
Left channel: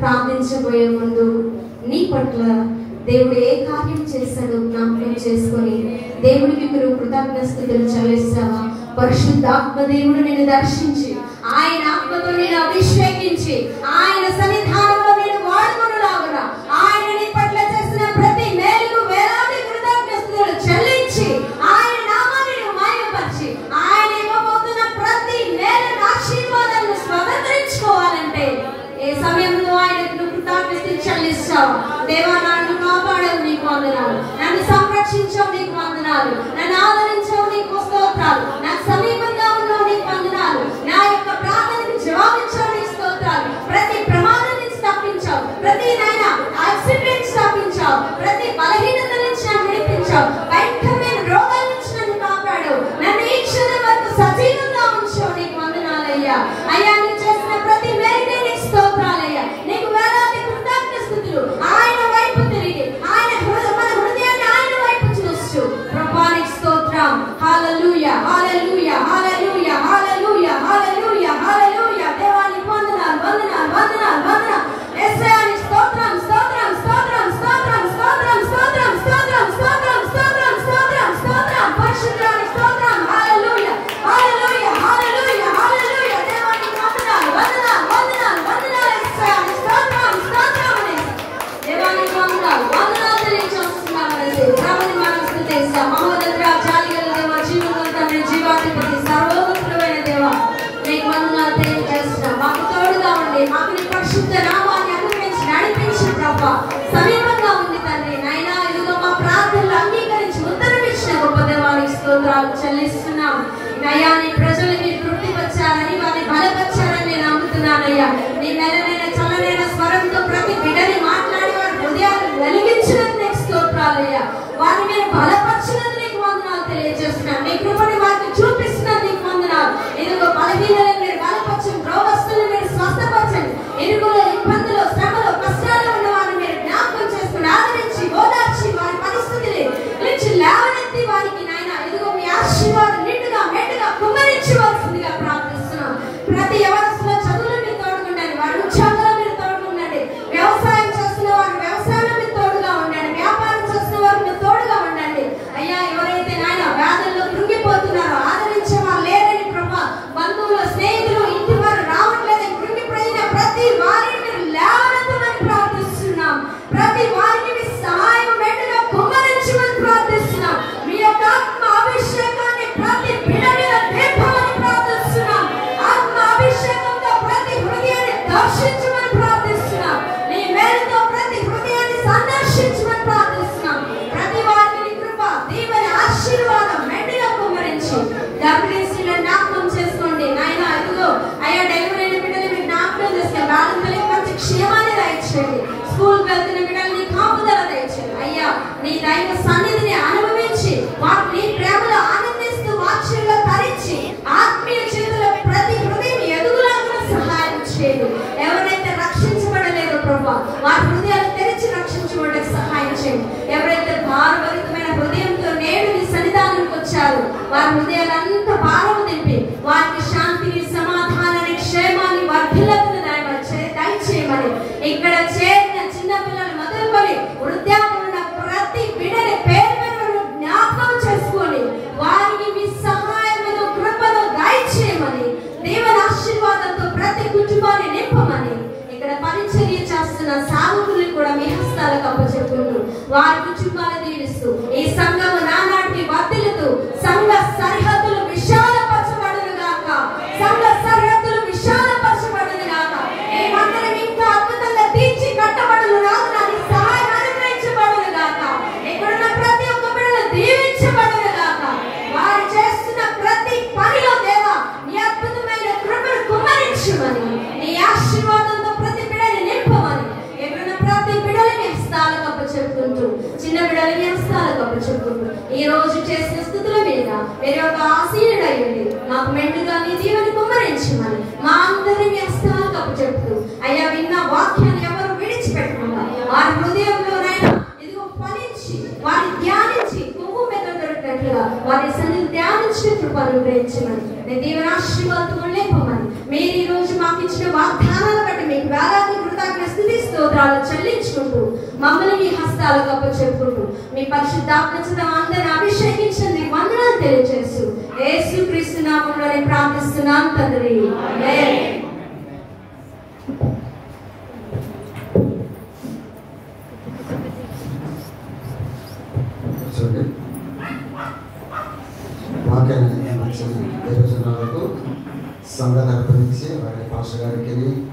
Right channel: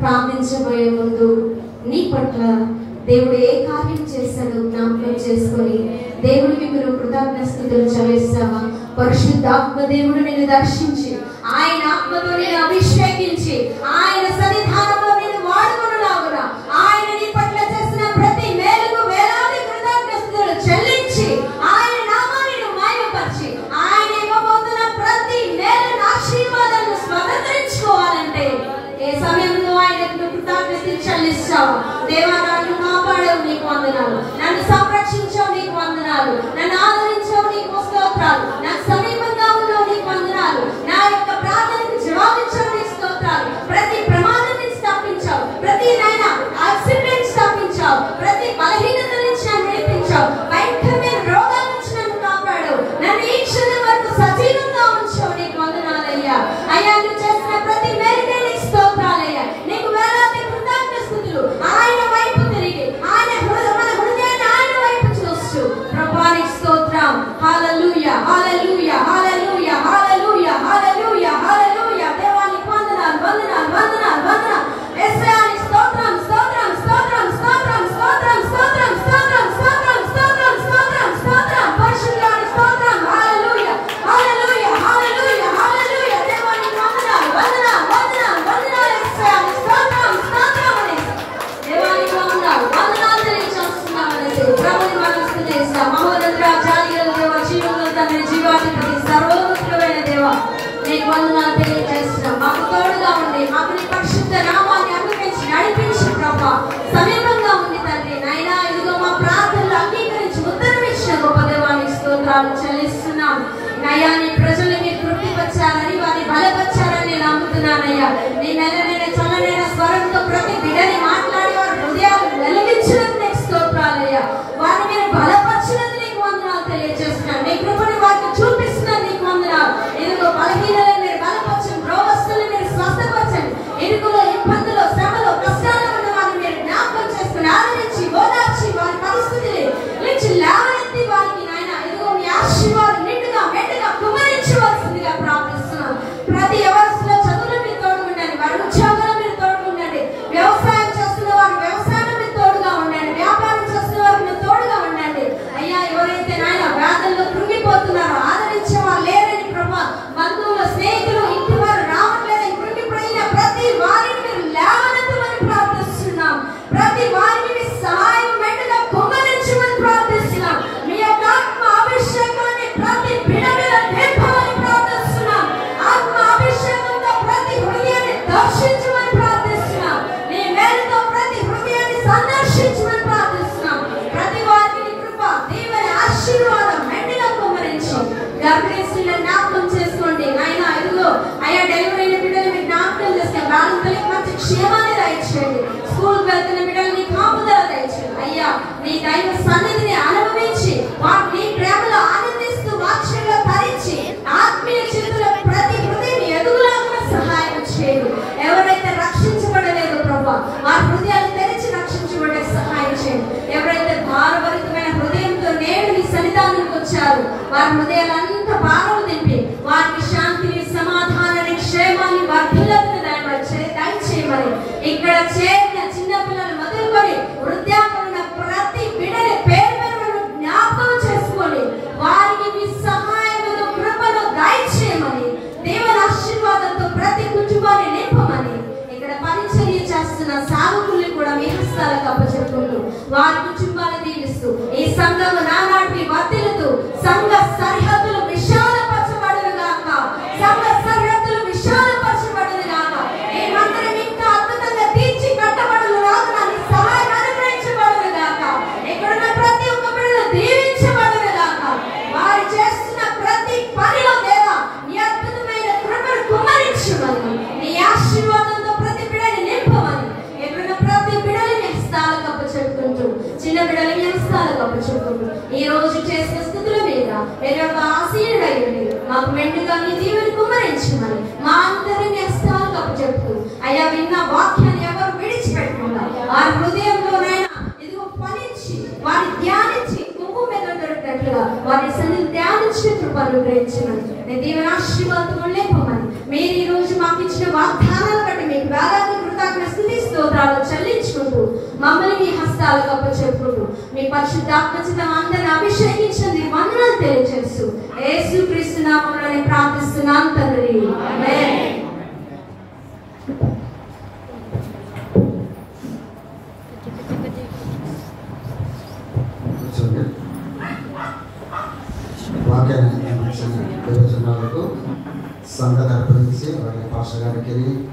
ప్రార్థించబోయే ముందు నీ పట్ల దేవుడు ఏ కార్యం చేశాడో జ్ఞాపకం చేసుకొని దేవుడికి మీరు కృతజ్ఞతలు చెల్లిస్తావా? పరిశుద్ధాత్మ దేవుడు నిన్ను దర్శించి ఆయన ఆత్మతో నేను అభిషేకించి ఆయన సన్నిధానంలో నేను వాడుకొనులాగునా ఆయన నీ పట్ల చేసిన ప్రతి మేలుకు వేలాది కృతజ్ఞతలు చెల్లించి ఆయన నామాన్ని మహిమపరిచి ఆయన ఇవ్వబోతున్న ప్రతి మేలు ఆశీర్వాదాలను స్వతంత్రించుకోవాలంటే ఏ సమయంలో ఆయనకు కృతజ్ఞతలు చెల్లిస్తావు? దేవా, నన్ను కాపాడావు, నీకు వందనాలు. నన్ను సంరక్షించావు, నీకు వందనాలు. నన్ను ఆదరించావు, నీకు స్తోత్రాలు. నాకు సమీపంగా ఉన్నావు, నీకు వందనాలు. నా యొక్క ప్రార్థనకు జవాబించావు, నీకు స్తోత్రాలు. ప్రతి ప్రమాదం నుంచి తప్పించావు, ప్రతి యాక్సిడెంట్ తప్పించావు, ప్రతి బలహీనత నుంచి నన్ను విడిపించావు, భయంకరమైన రోగాల నుంచి నన్ను కాపాడావు. నన్ను ఈ క్షణం వరకు సజీవంగా ఉంచావు, నీకు వందనాలయ్యా. అయ్యా, నువ్వు చేసిన ప్రతి మేలుకే నీకు స్తోత్రాలయ్యా. నీకు వేలాది కృతజ్ఞతలు. ఆయన వైపు తిరిగి ఆయన హృదయాన్ని ఆయన వైపు చూస్తూ ప్రభువానికి స్తోత్రం. హల్లెలూయా, హల్లెలూయా, హల్లెలూయా, హల్లెలూయా, హల్లెలూయా, హల్లెలూయా. దేవానికి వందనాలు, వందనాలు, వందనాలు, వందనాలు. యేసయ్యానికి స్తోత్రం, స్తోత్రం, స్తోత్రం, స్తోత్రం, స్తోత్రం, స్తోత్రం, స్తోత్రం, స్తోత్రం, స్తోత్రం, స్తోత్రం, స్తోత్రం. పరిశుద్ధానికి స్తోత్రం. హల్లెలూయా, హల్లెలూయా, హల్లెలూయా, హల్లెలూయా. దేవానికి వందనాలు, వందనాలు, వందనాలు, వందనాలు. యేసయ్యానికి స్తోత్రం, స్తోత్రం అని దేవానికి వందనాలు, వందనాలు తెలియజేస్తున్నామని ప్రభుని మనం స్తుతిస్తాం. మహోన్నతుడా, జాలిగల దేవా, జీవమున్న జీవాధిపతి, సర్వోన్నతుడైన దేవా, నీకు వందనాలు తెలియజేస్తున్నాం. మాకు తోడుగా ఉండి మాకు నీ పరిశుద్ధ నామాన్ని అనుగ్రహించి నడిపించి ప్రభా సమీపంగా ఉంది తండ్రి. నాయనా, ఇదిగో మా ప్రార్థనలు అంగీకరించి ఉత్తరం ఇచ్చిన గొప్ప దేవానికి స్తోత్రాలు చెల్లిస్తున్నాం. అయ్యా, నీ ప్రజలు మీరు తృప్తిపరిచారని వారిని బలపరిచారని నేను నమ్ముతున్నానయ్యా. నీ మెల్లనైన చల్లనైన స్వరంతో ప్రతి బిడ్డని మాట్లాడి వారి హృదయాలు వెలిగించినందుకు నీకు స్తోత్రాలయ్యా. వారిని మీరు బలపరిచినందుకు నీకు వందనాలు తెలియజేస్తున్నాను. నీ కృపని వారిని చూపిస్తున్నందుకు నీకు వందనాలు. ఇదిగో బలహీనలను మీరు బలపరచండి, రోగస్తులను మీరు స్వస్థపరచండి, ఇరుకులో ఇబ్బందులు శ్రమలు కష్టాలు ఉన్న వారిని మీరు జ్ఞాపకం చేసుకుని ఆదరించి ఓదార్చి వారి పరిస్థితిని నుంచి లేవనెత్తి వారికి నాయన ఇదిగో మీ ఆశీర్వాదం నిండుగా మెండుగా కుమ్మరించవలసిందిగా ప్రార్థిస్తున్నాం. ప్రతి ఎవరిలో చదువులు మీరు తోడుకుండండి, వారి ఉద్యోగాలు మీరు తోడుకుండండి, వ్యవసాయం చేస్తున్న వారి వ్యవసాయంలో మీరు తోడుగా ఉండండి, వ్యాపారం చేస్తున్న వారికి మీరు తోడుగా ఉండండి. అయ్యా, ఎవరైతే నాయన వ్యాధుల్లో కృంగిపోతున్నారో ఆదరించే వారు లేరని ప్రభా, బంధువులు స్నేహితులు ఇంటి వారు రావట్లేదని కృంగిపోయిన ప్రతి వారిని మీరు లేవనెత్తమని ప్రార్థిస్తున్నాం. ప్రతి వారిని మీ సహాయం మెండుగా కుమ్మరించమని ప్రార్థిస్తున్నాం. మీ యొక్క ఆత్మ అభిషేకాన్ని ప్రతి బిడ్డ మీద నింపమని ప్రార్థిస్తున్నాం. ఆత్మ అభిషేకంతో ప్రతి హృదయాన్ని దర్శించమని ప్రార్థిస్తున్నాం. నీ మేలుతో ప్రతి హృదయాన్ని సందర్శించమని ప్రార్థిస్తున్నాం. ప్రతి వారికి నీ కృప దీవెన ఆశీర్వాదం మెండుగా కుమ్మరించు. గర్భిణీలను జ్ఞాపకం చేసుకోండి నాయన. ఇదిగో అయ్యా, డెలివరీ అయిన బిడ్డలు మీరు జ్ఞాపకం చేసుకోండి. బాలింతలకు మంచి క్షేమాన్ని దయచేయండి. స్కూల్కి వెళ్తున్న బిడ్డలు నీ కాపుదల దయచేయండి. అయ్యా, నీ దైవ సన్నిధిని అనుభవించి వారు నీ ప్రేమలో ఆనందిస్తూ వాక్యంలో ధరించి ఆత్మీయ జీవితంలో ప్రతి హృదయం ఎదుగులాగా సహాయం చేయండి. ఎవరైతే రక్షించబడలేదో ప్రభా, వారి హృదయాలు తెరిచి రక్షించబడే సహాయం చేయండి. ఎవరైతే భారభరితమైన హృదయంతో నేడు నీ సన్నిధానానికి వచ్చారు, వారి హృదయాలంతా భారం నింపి వారికి శాంతిని, సమాధానాన్ని, క్షేమాన్ని, వర్ధిల్లతను దయచేయమని ఇక్కడ చేరిన చిన్న పిల్లలు మొదలుకొని వృద్ధాప్యంలో ప్రతి బిడ్డని పేరు పేరు జ్ఞాపకం చేసుకొని వారికి మీ సహాయం కృపను దయచేయమని, దేవుని ఆశీర్వాదంతో ప్రతి కుటుంబాన్ని నింపమని ఇక్కడ పరిచర్య చేస్తున్న సాధకుల్ని కూడా మీ హస్తాలకు అప్పచెప్పుకుంటూ వారి కుటుంబాన్ని దీవిస్తూ ఈ సంఘము నానాటికి వర్ధిల్లుతూ సంఘ సరిహద్దులు విశాలపరచబడును గాక, సంఘ సరిహద్దులు విశాలపరచబడును గాక. మేమందరం ఇంకా అద్భుతంగా తీర్చి కట్టబడును గాక, నీ సహాయం అనుగ్రహించబడును గాక. ఇక్కడున్న ప్రతి ఒక్క బిడ్డను దీవించబడును గాక. వారు చేస్తున్న ప్రతి పనిలో దేవా నీ అద్భుతమైన కృపను కుమ్మరించమని, నీ ఆశీర్వాదంతో ప్రతి బిడ్డని నింపమని, ఎక్కడున్న ప్రతి బిడ్డని మీ హస్తాలకు అప్పచెప్పుకుంటూ చిన్న బిడ్డల మీ హస్తాలకు అప్పచెప్పుకుంటూ ఈ రోజు చేసిన స్థితుల మీద మీరు ఒక ఆశీర్వాదం మాకు మెండుగా నీ దీవెని కుమ్మరించమని మా అందరినీ మీ హస్తాలకు అప్పచెప్పుతూ అయ్యా, విన్న వాక్యాన్ని ఎవరు విడిచిపెట్టకుండా వారి హృదయంలోనైనా ఇదిగో ఫలించి వారిని ధ్యానించి నువ్వు మీద దొరికినట్లుగా వారి సన్నిధిని ధ్యానించి కృప అనుగ్రహించమని, నీ దీవెన ఆశీర్వాదములు నింపమని, మీరు ఈ రోజు మాకు ఇచ్చిన వాగ్దానాల బట్టి మీకు వేలాది కృతజ్ఞత స్తుతి స్తోత్రాలు చెల్లించుకుంటూ హస్తాలకు అప్పచెప్పుకుంటూ మీ పరిశుద్ధాత్మచేత అందరిని అభిషేకించండి. వందనాలు తెలియజేస్తూ యేసుక్రీస్తు నామములో ప్రార్థిస్తున్నాం తండ్రి. ఆమేన్. వాక్యాన్ని దేవజనులకు సంఘాన్ని అర్పించి వారి పాస్టర్ గారికి